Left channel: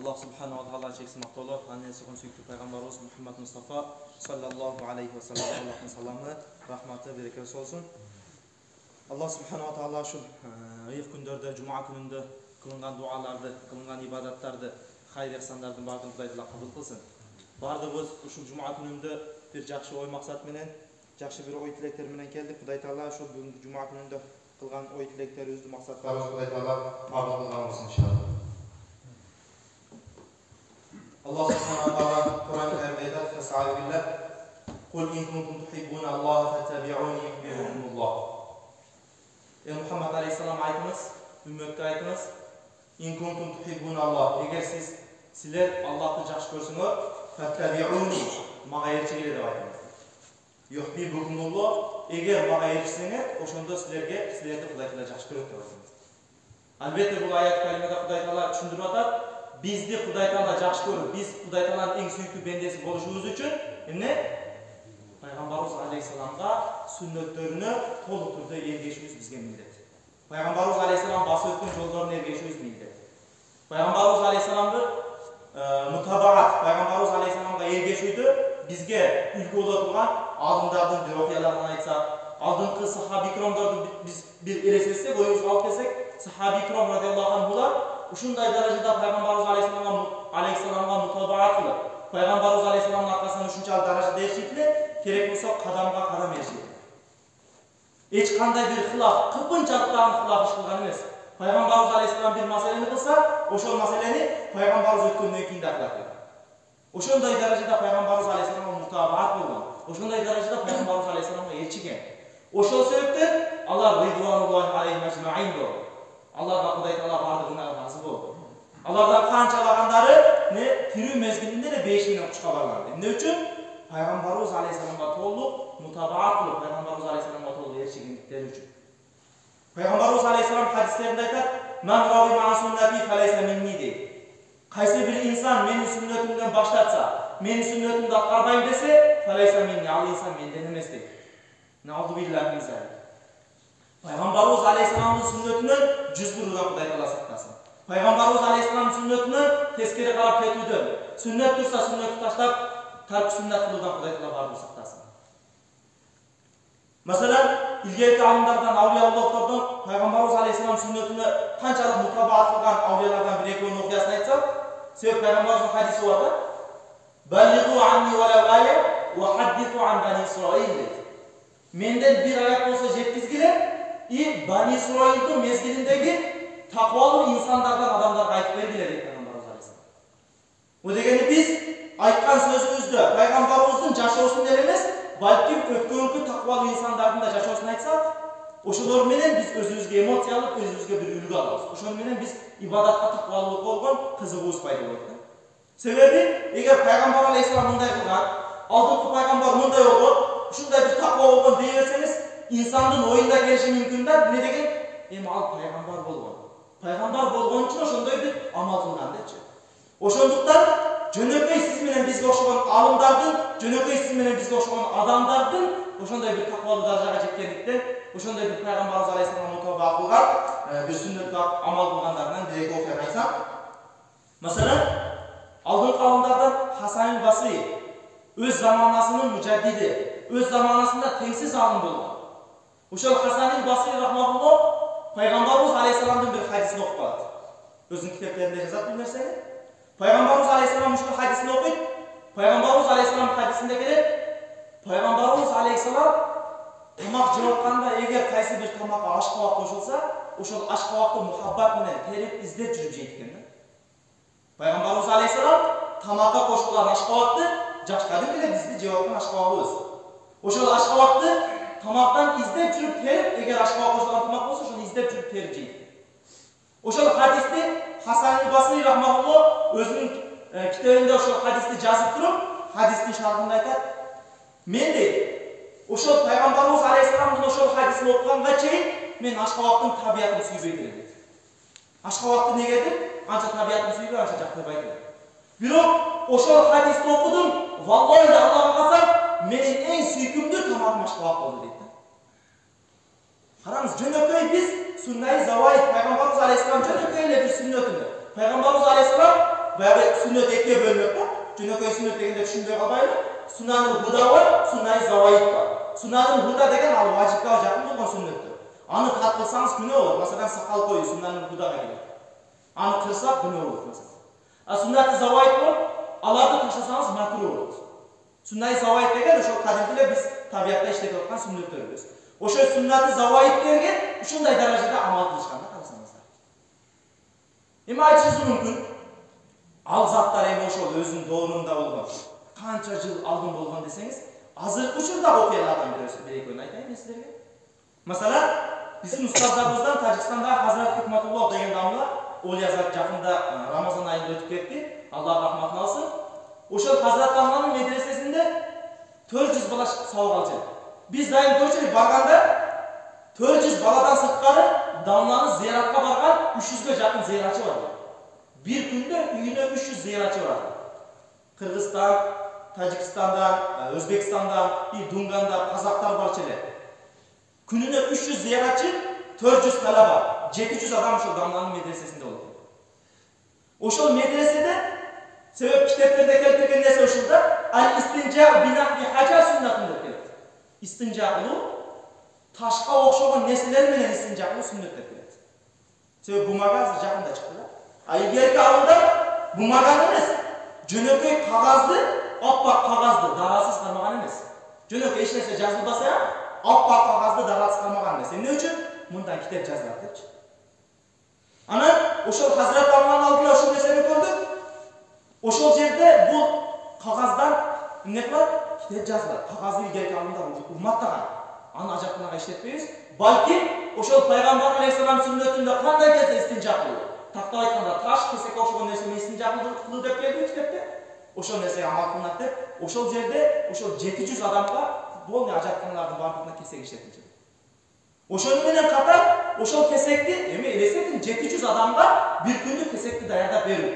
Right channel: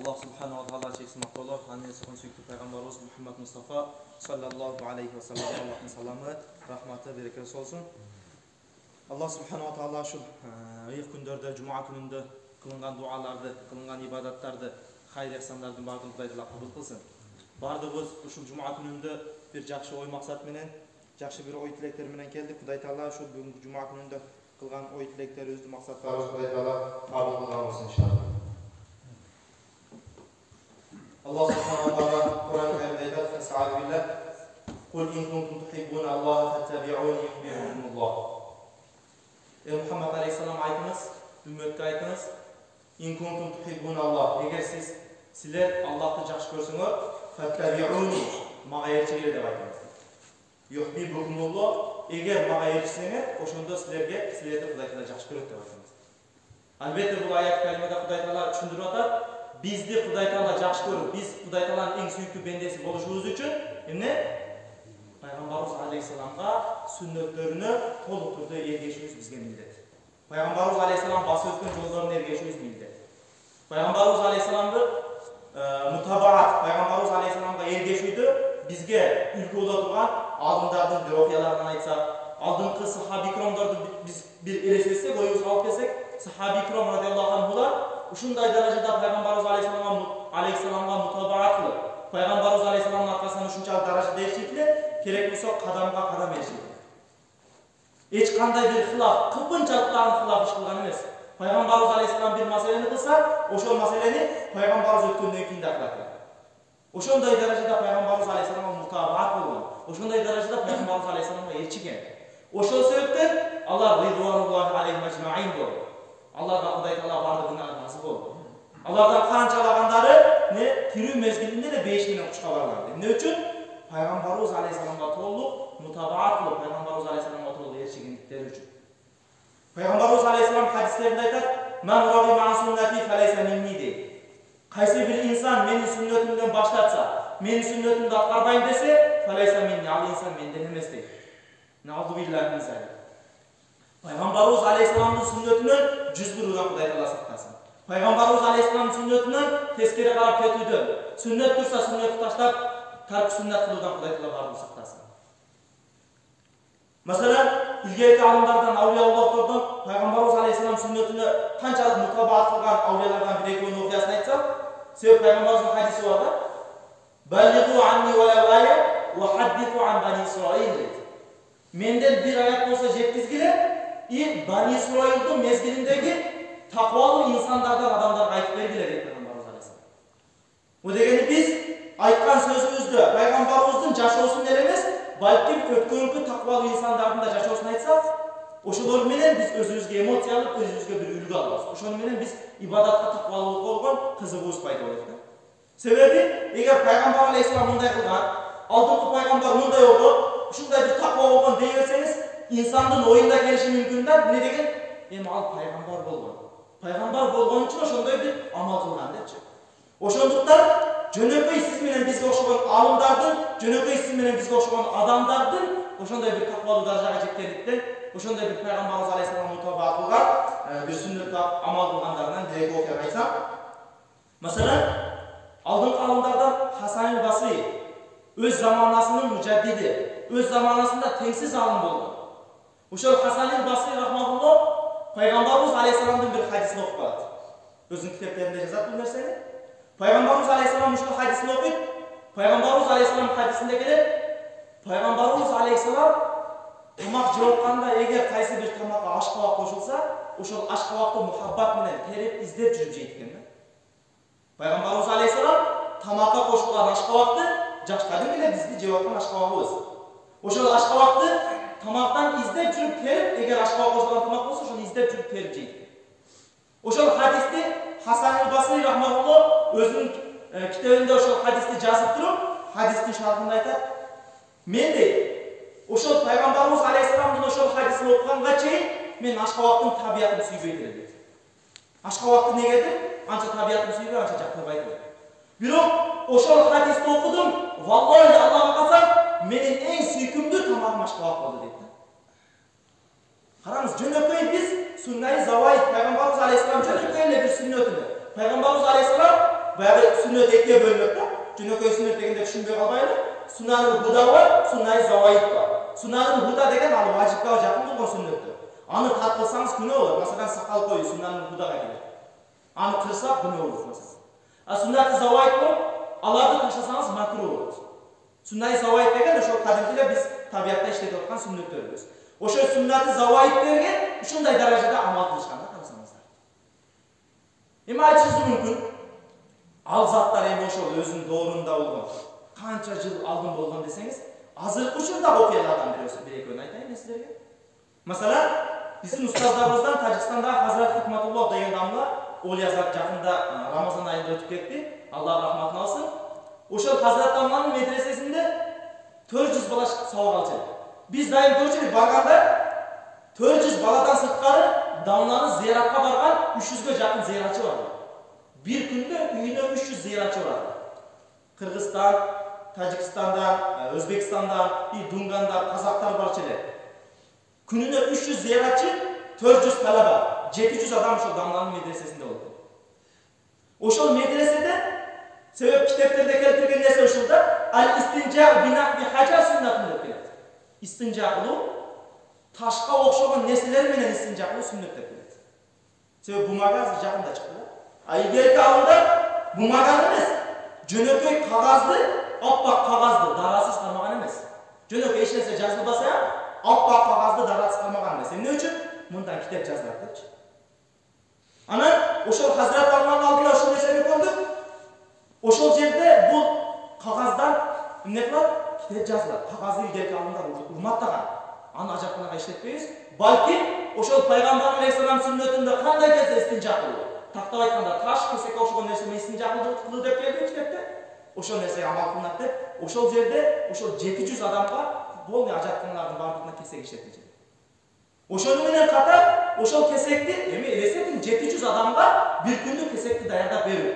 Allah subhanahu wa ta'ala çeksin maqtolar. Anne sakın süktü Peygamberimiz Muhammed Mustafa sallallahu aleyhi ve sellem Allah'ın salamı, rahmeti, bereketi olsun. Allah subhanahu wa ta'ala şu ayık günlerde, cuma gününde kılıngan dualardı, kılıngan ibadatlardı, hayır ihsanlardan bardığın Kuday'da kabul kılsın. Bardığımız şu cuma gününde bir жақсы oy maksat menen, жақсы bir oy tilekler menen geldik. Kuday Taala şu bugün cuma gününde kılgan oy tilekleri özlü maksatlarımız Kuday Taala kabul kılgan olsun inşallah. Allah subhanahu wa ta'ala Kur'an-ı Kerim'de ayet "Estaizu billah. Kul in kuntum tuhibbuna Allah fattabi'uni yuhibbukumullah." Ey Muhammed Aleyhisselam aytınız, ümmetke aytınız. In kuntum tuhibbuna Allah. Eğer sizler Allah'ı жақсы görsünüz, fattabi'uni mağa erişigile dep aytınız. Yuhibbukumullah. Eğer mağa erişseniz, oşonda sizlerdi Kuday Taala жақсы көрөт dep aytınız. Albatta bu ayet kalimede Kuday Taala düşündürüp atar. Bizdi Kuday Taala жақсы көрүп, biz Kuday Taala'nın en süyüklü bendesi boluşubuz üçün emne Peygamberimiz Aleyhisselam'a sünnetlerini toluk turda ergешүүбүз bizge mildet. Peygamberimiz Aleyhisselam bası ötken yollarını ergешүүбүz mildet. Peygamberimiz Aleyhisselam'ı mutabaat, Peygamberimiz Aleyhisselam'a ergешүүdü bizge ülke ola turgan alımlardan bir okuyalardan aytsak, aldınкы sahabi ikramlardı biz bir elesetsek, oyunuzu alıp kelsek, sahabi ikram radıyallahu anhular uşunday derecede Peygamberimiz Aleyhisselam'a mutabaat kılıp, Peygamberimiz Aleyhisselam'ın arkasından uşunçalık derecede erişiyle, gerek olsa kadamga kadam erişiyle. Hiç kanday bir hılaf, kıpınçalıkların hılaf iş kılgan emes. Peygamberimiz Aleyhisselam bir meseleni kılsa, oşol meseleni Peygamberimiz ötköndөн kийин akılak. Oşonday derecede Peygamberimiz Aleyhisselam'a mutabaat bolgan. Oşonday derecede Peygamberimiz Aleyhisselam'a elçigen. Oşol sebepten Allah ridvanullahi aleyhim ecmaîn boldu. Allah'a Kuday Taala bardığına razı boldu. Allah'dan kançalagandары ne tирүү mezgilinde de 5 menen kuşka bargandi. Ne üçün? Peygamberimiz Aleyhisselam'a toluk mutabaat kılıp Peygamberimiz Aleyhisselam'a toluk erişigindikleri üçün. Peygamberimiz Aleyhisselam hadislerinde aytar: "Men ragiba an sünneti feleyse minni" deydi. Kaysi bir insan menin sünnetimden başlatsa, menin sünnetimde atkarbayım dese, feleyse minni, al insan menden emes deydi. Nauzubillahi min zalik. Peygamberimiz Aleyhisselam'ın sünnetinden 101 udan Kuday Taala saklasın. Peygamberimiz Aleyhisselam'ın sünnetinden teskere karab ketүүдөн, sünnet tursa sünneti taşlap, tark sünnet kılуудан Kuday Taala barыбыр saklasın. Mesela ilgerki alımlardan, avliyaullohlardan Peygamberimiz Aleyhisselam sünnetine kançalık mutabaat kılgan avliyalardan bir ekönün okuyasını aytsak, sebep Peygamberimizin hadisi var da, "Ballighu anni walaw aya wa haddithu an bani İsrail" dedi. Menden bir ayet olsa jetkizgile, Bani İsrail'in mezgilindeki takvalı insanlardan adamlar aytıp bergile dedi Peygamberimiz Aleyhisselam. O degeni biz aytkan sözümüzdü Peygamberimizin jaşoosун эле эмес, balkim ötkөнкү takvalı insanlardan da jaşoosун aytsak, oşolor menen biz özümüzge emоция алып, özümüzge bir үлgü alabыз. Oşonu menen biz ibadatка takvalılık болгон кызыгуубуз пайда болот да. Sebebi eger Peygamber Aleyhisselam mындай kılgan, aldınкы Peygamber mындай болгон, ушундай bir takva болгон дей берсеңиz, insandın oyunda gelişi mümkün de ne degen? Al peygamber bolgon. Peygamber bolgon için oşonday bir amal kılgan depçi. Oşonduktan jönököy siz menen bizge okşogon alımdardın, jönököy siz menen bizge okşogon adamdardın oşonday bir takvalı darajaga жеткендиктен, oşonday bir Peygamberimiz Aleyhisselam'a mutabaat kılgan, bir sünnetke amal kılganlardan bir eki okuyan aytsam. Mesela aldınкы alımlardan Hasan el-Basri öz zamanasının müceddidi, öz zamanasında tengsiz alım bolgon. Uşol Hasan el-Basri rahmatullah Peygamberimiz Aleyhisselam'ın bir hadisini okup aladı. Özün kitaplarında yazat bu narsani. Peygamberimiz Aleyhisselam uşol hadisini okuyup, Peygamberimiz Aleyhisselam hadisinde gelir, Peygamberimiz Aleyhisselam tamak jogtkanda eger kaysi bir tamaka aşkabak koşulsa, uşol aşkabakты muhabbat menen terip izdep жүрүп жейт экен да. Peygamberimiz Aleyhisselam tamaka koşulgan aşkabakты жашкадын келе бизди жеп аткан aşkabagыбыз. Ошол aşkabakты tamaktan izdep жүрүp terip, eger aşkabak koşulgan tamak bolsa, ошону izdep жүрүp terip жейт. Ошол hadisти Hasan el-Basri rahmatullah өзүнүн китебинде ошол hadisти жазып туруp, hadistin şarhында айтат. Men дейт, ошол Peygamberimiz Aleyhisselamдын ошол hadisini окуганга чейин мен aşkabактын табиятын сүйбөйт элем дейт. Aşkabакты негедир? Анча табиятын сүйбөй, анча жактабайт элем. Бирок ошол hadisти окудум, vallahi Allah'a касам, menin en süykümdü tamamım aşkabak oldu deydi. Karanız, jönököy biz Sünnet-i Zavahid, Peygamberimiz Aleyhisselam jönököyle bir sünnetini. Peygamberimiz Aleyhisselam баягы сүннөт экиге бөлүнөт да. Жөнөкөй сүннөт дегенде түшүнбөй калбайлы. Сунанул худа бар, суннай заваид бар. Сунанул худа деген ал важипка жакын болгон сүннөттөр. Аны тат кылсаңыз күнөө болот. Масалан, сакал коюу сунанул худага кирет. Аны кырсак күнөө болот масалан. А суннаты заваид бар, аларды ташласаңыз макру болот. Суннай заваид деген ошол кадимкилер биз табиятта иштетип аткан сүннөттөрбүз. Ошол суннаты заваидтерге ушундай даражада амал кылышканда карасаңыздар. Эми айтышыңыз мүмкүн, ал заттар эми ошол өзүнүн доорунда болгон, канча жыл алдын болгон десеңиз, азыркы учурдагы окуялардан бир экөөнү айтайын мен силерге. Масалан, биздин устаздарыбыздан Тажикстанда Хазрат Хикматуллах деген дамла Олия зат жакында Рамазан айында өтүп кетти. Аллах рахматын алсын. Ошол Хазрат дамланын медресесинде 400 бала сабак алчу. Биз дайым көрчүлүк барганда 400 баладан сырткары дамланы зыяратка барган 300гө жакын зыяратчы бар. Bir күндө үйүнө 300 зыяратчы бар. Кыргызстан, Тажикстандан, Өзбекстандан, Дунгандан казактар барчу эле. Күнүнө 300 зыяратчы, 400 талаба, 700 адам ошол дамланын медресесинде болот. Ошол медреседе себеп китептерде келтирген нерсе ушул да, ал-истинжа бинахви хажа сүннатын деп келет. Истинжа кылуу ташка окшогон нерселер менен истинжа кылуу сүннөт деп келет. Себеп бумага азыр жакында чыкты да. А илгерки адамдар бумаганы эмес, жөнөкөй кагазды, аппак кагазды дарасыз кармаган эмес. Жөнөкөй эч нерсе жазылбаса, аппак кагазды дарасыз кармаган эмес. Эмне үчүн? Мындан китеп жазылат депчи. Анан ошол Хазрат Дамланын алдына ошол нерсени көрдүк. Ошол жерде бул кагаздан эмне кылат? Китеп жазылат. Кагазды илгерки адамдар урматтаган. Аны ажапканага иштетпейбиз. Балки ошол пайгамбар алейхисалам сүннөтүндө кандай келсе истинжа кылуу. Тактап айтканда таш кесек окшогон нерсе менен истинжа кылуу деп келди китепте. Ошол нерсеге амал кылынат деп, ошол жерде ошол 700 адамга футболный ажатканлардын бардыгына кесек иштетилди. Ошону менен катар ошол кесекти эми элестетиң 700 адамга бир күндүк кесекти даярдап берүү.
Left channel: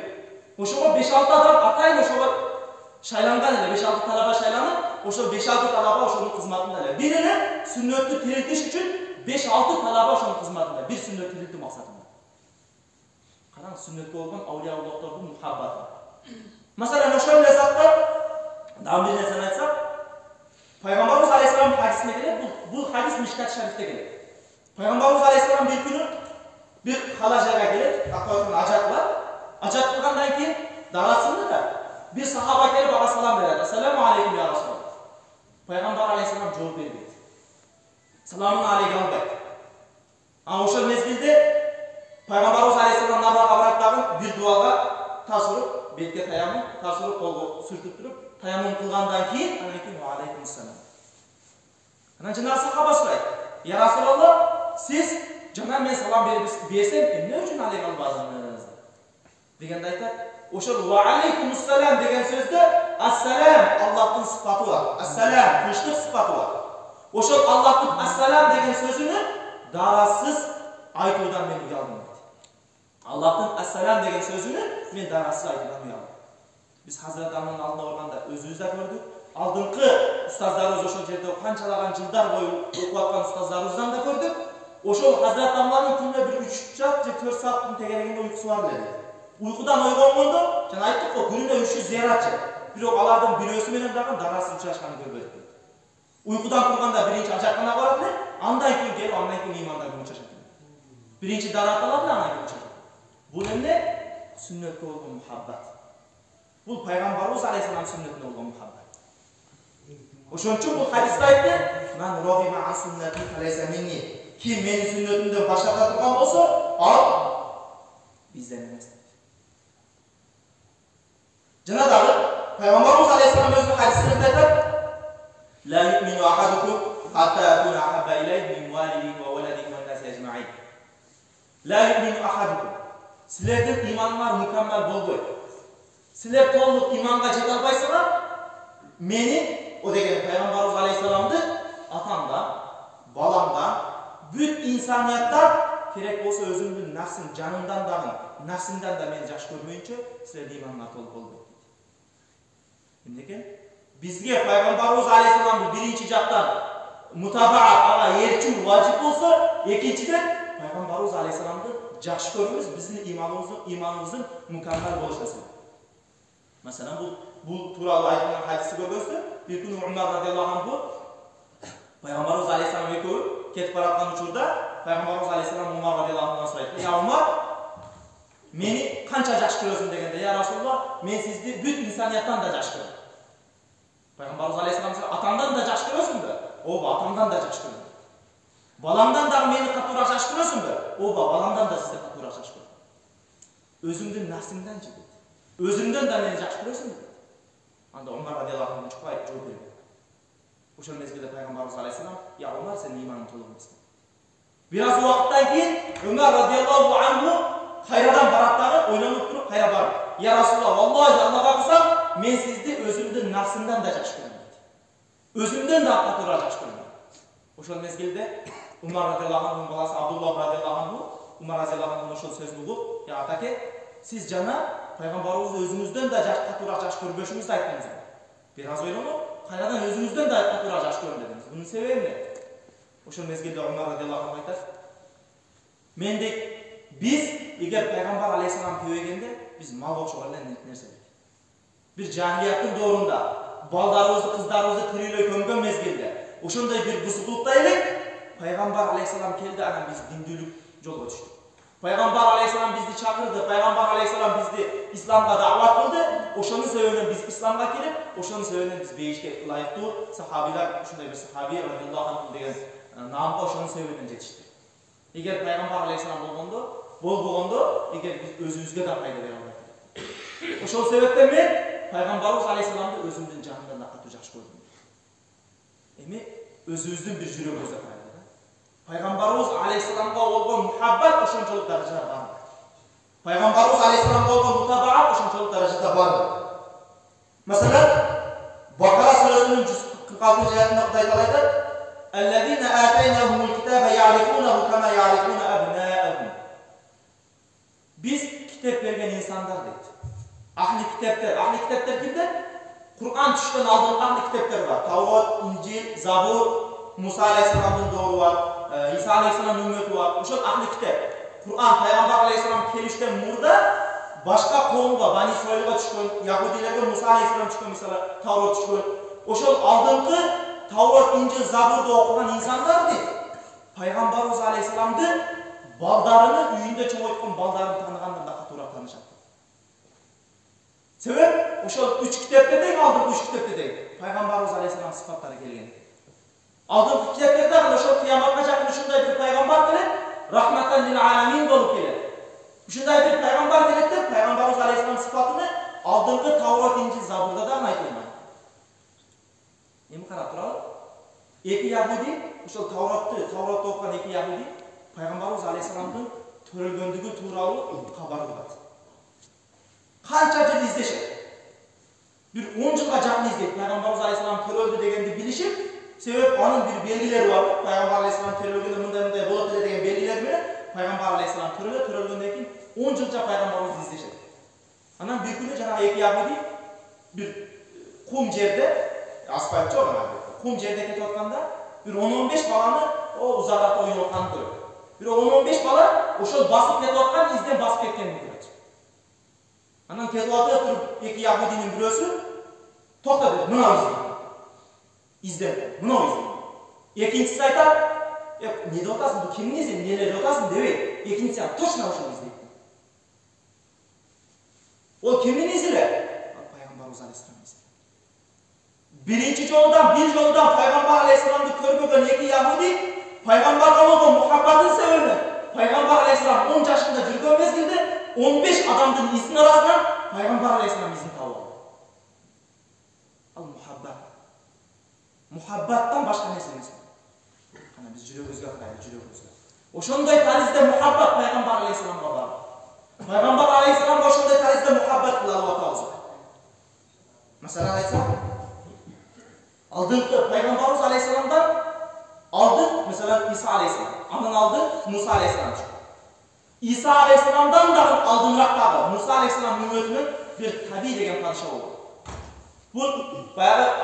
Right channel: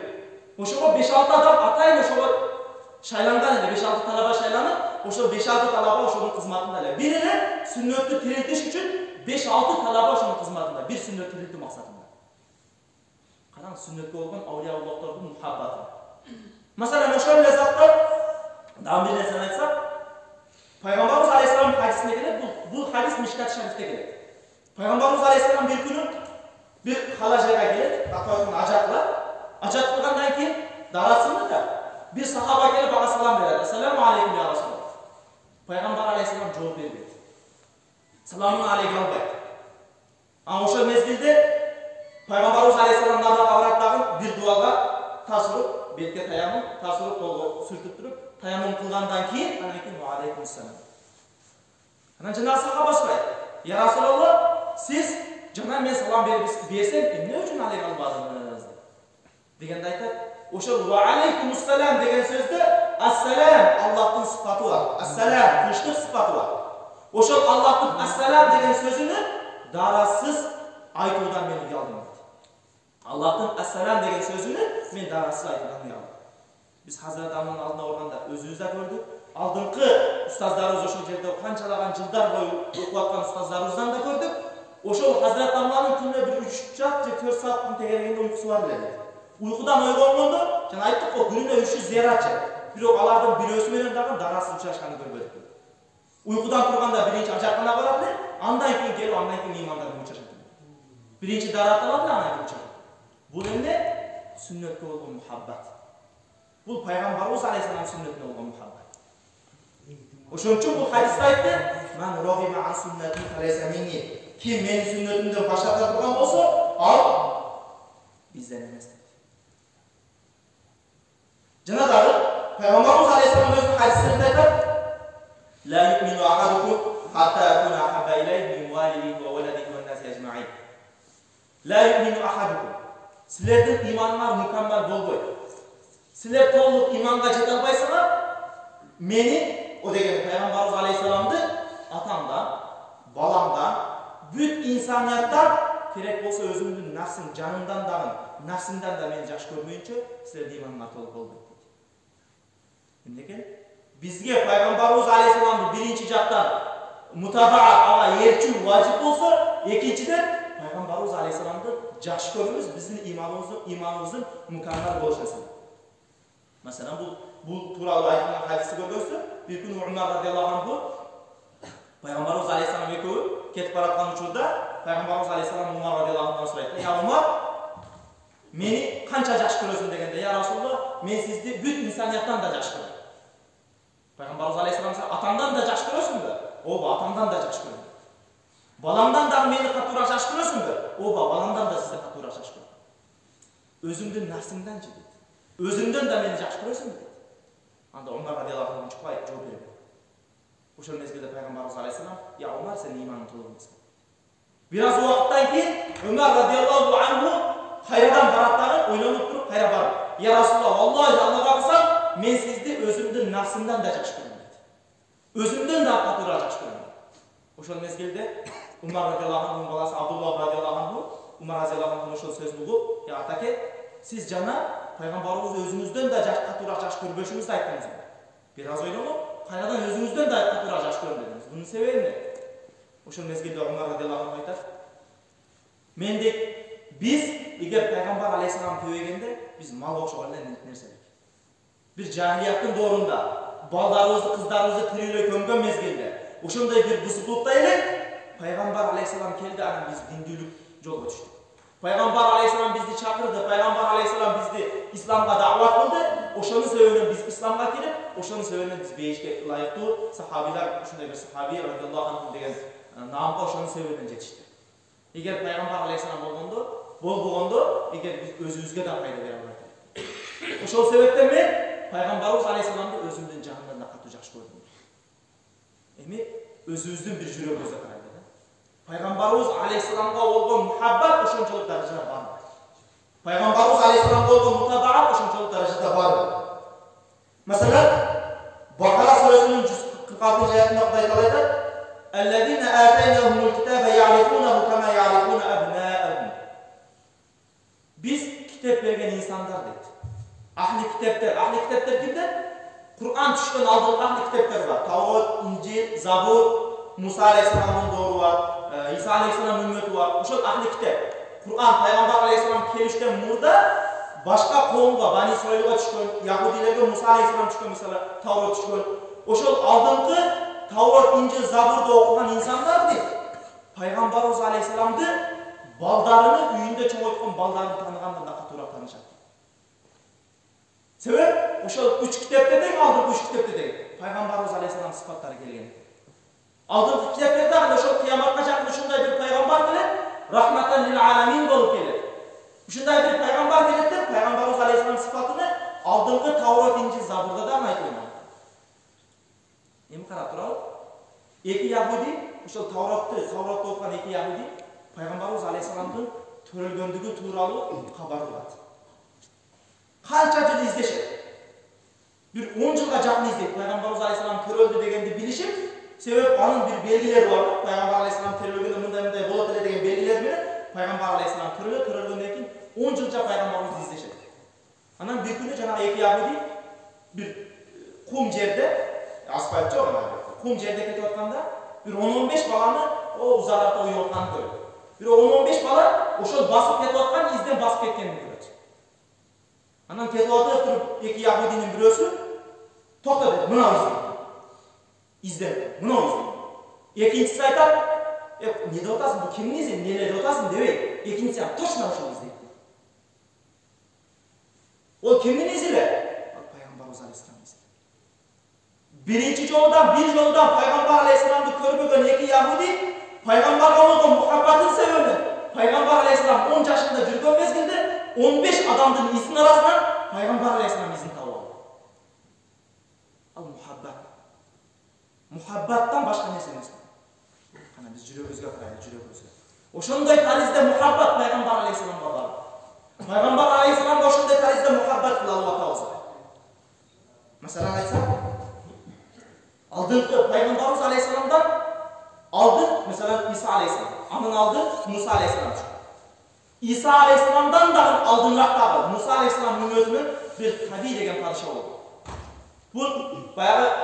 Ошого 5-6 адам атайын ошого шайланган эле, 5-6 талаба шайланып, ошол 5-6 талаба ошонун кызматында эле. Бир эле сүннөттү тирилтиш үчүн 5-6 талаба ошонун кызматында, бир сүннөт тирилтүү максатында. Караң, сүннөткө болгон аулиялыктордун мухаббаты. Масалан, ошол эле заттар дагы бир нерсени айтсак, Пайгамбарыбыз алейхиссалам хадисинде келет, бул хадис Мишкат шарифте келет. Пайгамбарыбыз алейхиссалам бир күнү бир кала жайга келет, тактайкын ажат кылат. Ажат кылгандан кийин дарасында да бир сахаба келип ага салам берет. Ассаламу алейкум я Расулаллах. Пайгамбар алейхиссалам жооп бербейт. Саламун алейкум албайт. Ошол мезгилде Пайгамбарыбыз алейхиссалам намазга барат дагы бир дуага таш уруп, бетке таямун, таш уруп колго сүртүп туруп, таямун кылгандан кийин анан кийин ва алейкум ассалам. Анан жанагы сахаба сурайт: "Я Расулаллах, сиз жана мен салам берсем, эмне үчүн алейкум албадыңыз?" дегенде айтат, ошол ва алейкум ассалам деген сөздө ассалам Аллахтын сыфаты бар. Ассалам тынчтык сыфаты бар. Ошол Аллахтын ассалам деген сөзүнү дарасыз айтуудан мен уялдым дейт. Аллахтын ассалам деген сөзүнү мен дарасыз айтуудан уялдым. Биз Хазрат Дамланын алдына барганда өзүбүз да көрдүк. Алдыңкы устаздарыбыз ошол жерде канчалаган жылдар бою окуп аткан устаздарыбыздан да көрдүк. Ошол Хазрат Дамланын күнүнө бир 3 саат же 4 сааттын тегерегинде уйкусу бар эле. Уйкудан ойгонгондо, жана айттык го, күнүнө 300 зыяратчы. Бирок алардын бирөөсү менен дагы дарасыз учурашканын көрбөдүк. Уйкудан турганда биринчи ажакканага барат эле, андан кийин келип, андан кийин имандан учурашат. Биринчи дарат алат эле, андан кийин учурашат. Бул эмне? Сүннөткө болгон мухаббат. Бул пайгамбарыбыз алейхиссалам сүннөтүнө болгон мухаббат. Ошон үчүн бул хадисте айтты: "Ман рагиба ан сүннати фалайса минни." Ким менин сүннөтүмдөн баш тарта турган болсо, ал бизден эмес дейт. Жана дагы пайгамбарыбыз алейхиссалам өзүнүн хадистеринде айтат: "Ла юмину ахадукум хатта акуна хабба илайhi мин валидиhi ва валадиhi ва наси ажмаин." Ла юмину ахадукум. Силердин иманыңар мукаммал болбойт. Силер толук иманга жете албайсыңар. Мени, о деген пайгамбарыбыз алейхиссаламды атамдан, баламдан, бүт инсанияттан, керек болсо өзүмдүн нафсим, жанымдан дагы, нафсимден да мени жакшы көрмөйүнчө, силердин иманыңар толук болбойт дейт. Эмнеге? Бизге пайгамбарыбыз алейхиссаламды биринчи жактан мутабаат, ага ээрчүү важип болсо, экинчиден пайгамбарыбыз алейхиссаламды жакшы көрүүбүз биздин иманыбыздын мукаммал болушуна себеп. Masalan, bu tuuralı aytılgan hadisni görgөнсүз, bir күнү Umar radhiyallohu anhu Пайгамбарыбыз алейхиссалам экөө кетип бараткан учурда Пайгамбарыбыз алейхиссалам Умар радhiyallohu anhuдан сурайт. "Я Умар, мени канча жакшы көрөсүң?" дегенде, "Я Расулуллах, мен сизди бүт инсанияттан да жакшы көрөм." Пайгамбарыбыз алейхиссалам "Атаңдан да жакшы көрөсүңбү?" "Ооба, атаңдан да жакшы көрөм." "Балаңдан дагы мени катуураак жакшы көрөсүңбү?" "Ооба, баламдан да сизди катуураак жакшы көрөм." "Өзүңдүн нафсиңданчы?" dedi. "Өзүңдөн да мени жакшы көрөсүңбү?" dedi. Анда Умар радhiyallohu anhu чукпай жооп берген. Ошол мезгилде Пайгамбарыбыз алейхиссалам, "Я Умар, сен иманың толук эмес." Бир аз убакыттан кийин Умар радhiyallohu anhu кайрадан барат дагы, ойлонуп туруп кайра барып, "Я Расулуллах, Аллахы Аллага кылсам, мен сизди өзүмдүн нафсымдан да жакшы көрөм" dedi. "Өзүмдөн да катуураак жакшы көрөм." Ошол мезгилде Умар радhiyallohu anhu'нун баласы Абдуллах радhiyallohu anhu Умар радhiyallohu anhu'нун ошол сөзүн угуп, "Я атаке, сиз жана Пайгамбарыбызды өзүңүздөн да катуураак жакшы көрбөшүңүздү айттыңыз." Бир аз ойлонуп, кайрадан өзүңүздөн да катуураак жакшы көрөм дедиңиз. Бунун себеби эмне? Ошол мезгилде Умар радhiyallohu anhu айтат, "Мендек биз эгер Пайгамбар алейхиссалам көбөйгөндө, биз мал окшогон эле нерселик. Бир жахилияттын доорунда балдарыбызды, кыздарыбызды тирүүлөй көмгөн мезгилде, ошондой бир бузуклукта элек Пайгамбар алейхиссалам келди, анан биз диндүүлүк жолго түштүк. Пайгамбар алейхиссалам бизди чакырды, Пайгамбар алейхиссалам бизди исламга даават кылды. Ошонун себебинен биз исламга кирип, ошонун себебинен биз бейишке ылайыктуу сахабилар, ушундай бир сахаби радhiyallohu anhu деген наамга ошонун себебинен жетишти. Эгер Пайгамбар алейхиссалам болбогондо, эгер биз өзүбүзгө да пайда бере албайт элек. Ошол себептен мен Пайгамбарыбыз алейхиссаламды өзүмдүн жанымдан да катуу жакшы көрдүм. Эми өзүбүздүн бир жүрөгүбүздө карайлы да. Пайгамбарыбыз алейхиссаламга болгон мухаббат ошончолук даражада бар. Пайгамбарыбыз алейхиссаламга болгон мутабаат ошончолук даражада бар. Masalan, Бакара сүрөсүнүн 146-аятында Кудай Таала айтат: "Аллазина атайнахумул китаба я'рифунаху кама я'рифуна абнаахум." Биз китеп берген инсандар дейт. Ахли китептер кимдер? Кур'ан түшкөн алдыңкы ахли китептер бар. Таврот, Инжил, Забур, Муса алейхиссаламдын доору бар, Иса алейхиссаламдын үммөтү бар. Ошол ахли китеп. Кур'ан Пайгамбар алейхиссалам келиштен мурда башка коомго, Бани Исраилга түшкөн, яһудилерге Муса алейхиссалам түшкөн, мисалы Таврот түшкөн. Ошол алдыңкы Таврот, Инжил, Забурду окуган инсандар дейт. Пайгамбарыбыз алейхиссаламды балдарыны үйүндө чоңойткон балдарын тааныгандан да катуураак таанышат. Себеп ошол 3 китепте дең, алдыңкы 3 китепте дең Пайгамбарыбыз алейхиссалам сыфаттары келген. Алдыңкы китептерде ошол кыяматка жакын ушундай бир пайгамбар келет, рахматан лил аламин болуп келет. Ушундай бир пайгамбар келет деп Пайгамбарыбыз алейхиссалам сыфатыны алдыңкы Таврот, Инжил, Забурда да айтылган. Эми карап туралы. Эки яһуди, ошол Тавротты окуган эки яһуди Пайгамбарыбыз алейхиссаламдын төрөлгөндүгү тууралуу кабар алат. Канча жыл издешет. Bir 10 жылга жакын издейт. Пайгамбарыбыз алейхиссалам төрөлдү дегенди билишип, себеп анын бир белгилери бар. Пайгамбар алейхиссалам төрөлгөндө мындай болот эле деген белгилер менен Пайгамбар алейхиссалам төрөлгөндөн кийин 10 жылча пайгамбарыбызды издешет. Анан bir күнү жанагы эки яһуди bir кум жерде, асфальт жок анан, кум жерде кетип атканда, bir 10-15 баланы узагыракта уюп атканын көрөт. Bir 10-15 бала ошол басып кетип аткан изден басып кеткенин көрөт. Анан кетип атып туруп эки яһудинин бирөөсү токто дейт, мына изден, мына изден. Экинчиси айтат, "Не деп атасың, бул кимдин изи, эмне деп атасың" дебейт. Экинчиси точно ошол издейт. Ол кимдин изи эле? Ал Пайгамбарыбыз алейхиссалам изи. Bir жолудан Пайгамбар алейхиссаламды көрбөгөн эки яһуди Пайгамбарга болгон мухаббатын себебинен Пайгамбар алейхиссалам 10 жашында жүргөн мезгилде 15 адамдын изинин арасынан Пайгамбар алейхиссалам изин таап алды. Ал мухаббаттан башка нерсе эмес. Кана биз жүрөгүбүзгө карайлы, жүрөгүбүзгө. Ошондой таризде мухаббат Пайгамбар алейхиссаламга бар. Пайгамбар алейхиссаламга ошондой таризде мухаббат кылып атабыз. Масалан айтсак, алдыңкы Пайгамбарыбыз алейхиссаламдан алдын, mesela İsa aleyhisselam, anın aldı Musa aleyhisselam çıktı. İsa aleyhisselamdan da aldınraktagı Musa aleyhisselam ümmetinin bir tabi degen padişah oldu. Bu bayağı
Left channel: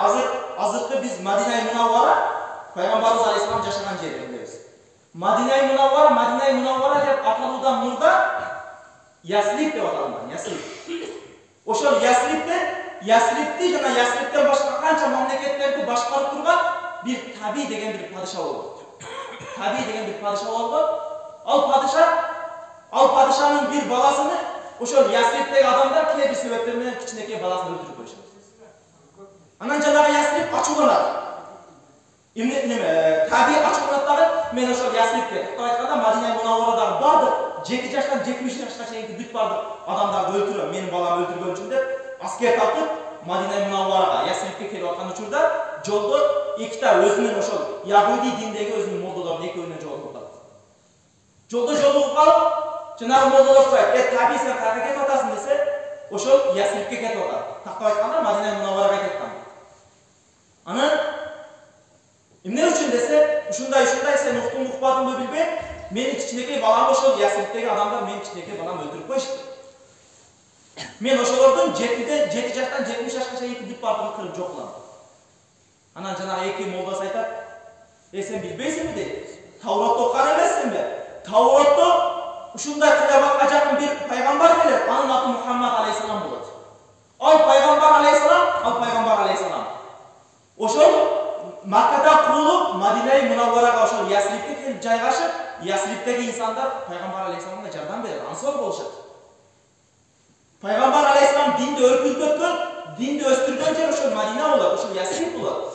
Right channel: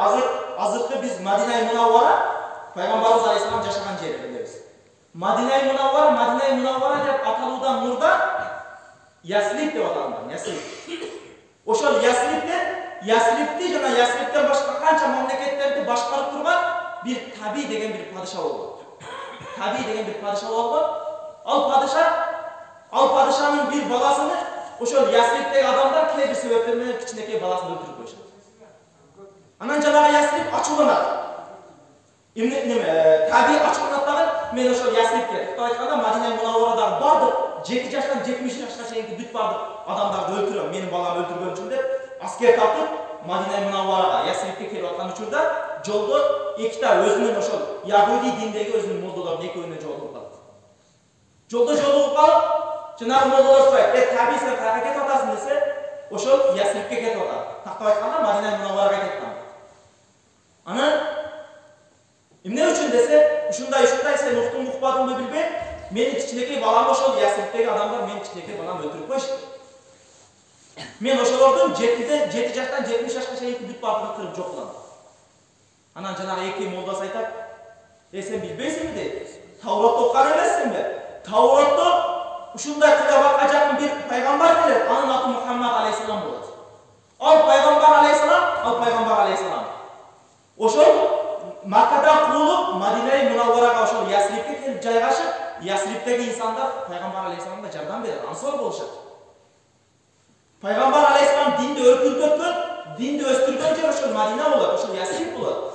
azırkı biz Madina-i Munawwara Peygamberimiz aleyhisselam yaşagan jeri biliriz. Madina-i Munawwara dep ataludan murda Yasrib dep atalıngan, Yasrib. Oşol Yasrib'de Ясрибти жана Ясриптен башка канча мамлекеттерди башкарып турган bir Таби деген bir падыша болгон. Таби деген bir падыша болгон. Ал падышанын bir баласыны ошол Ясриптеги адамдар кээ бир себептер менен кичинекей баласын өлтүрүп коюшат. Анан жанагы Ясриб ачууланат. Таби ачууланат дагы мен ошол Ясрибке токтоп айтканда Мадина Мунавварадагы бардык 7 жаштан 70 жашка чейинки бүт бардык адамдарды өлтүрөм, менин баламы өлтүргөн үчүн деп аскер тартып Мадина Мунавварага Ясрибке келип аткан учурда жолдо эките өзүнүн ошол Яхуди диндеги өзүнүн молдолорунун экөөнө жолугуп калат. Жолдо жолугуп калып, жанагы молдолор сурайт: Таби сен кайерге кетип атасың десе, ошол Ясрибке кетип атат. Тактап айтканда Мадина Мунавварага кетип атат. Анан эмне үчүн десе, ушундай сен уктуң укпадыңбы билбейм, менин кичинекей балам ошол Ясрибтеги адамдар менин кичинекей баламды өлтүрүп коюшту. Мен ошолордун 7 жаштан 70 жашка чейинки бүт бардыгын кырып жок кылам. Анан жанагы эки молдасы айтат: сен билбейсиңби дейт. Тауротто окуган эмессиңби? Тауротто ушундай кыяматка жакын бир пайгамбар келет, анын аты Мухаммад алейхиссалам болот. Ал пайгамбар алейхиссалам. Ошол Маккадан куулуп Мадина Мунавварага ошол Ясрибке келип жайгашып, Ясрибтеги инсандар пайгамбар алейхиссаламга жардам берет, ансор болушат. Пайгамбар алейхиссалам динди өркүндөткөн, динди өстүргөн жер ошол Мадина болот, ошол Ясриб болот.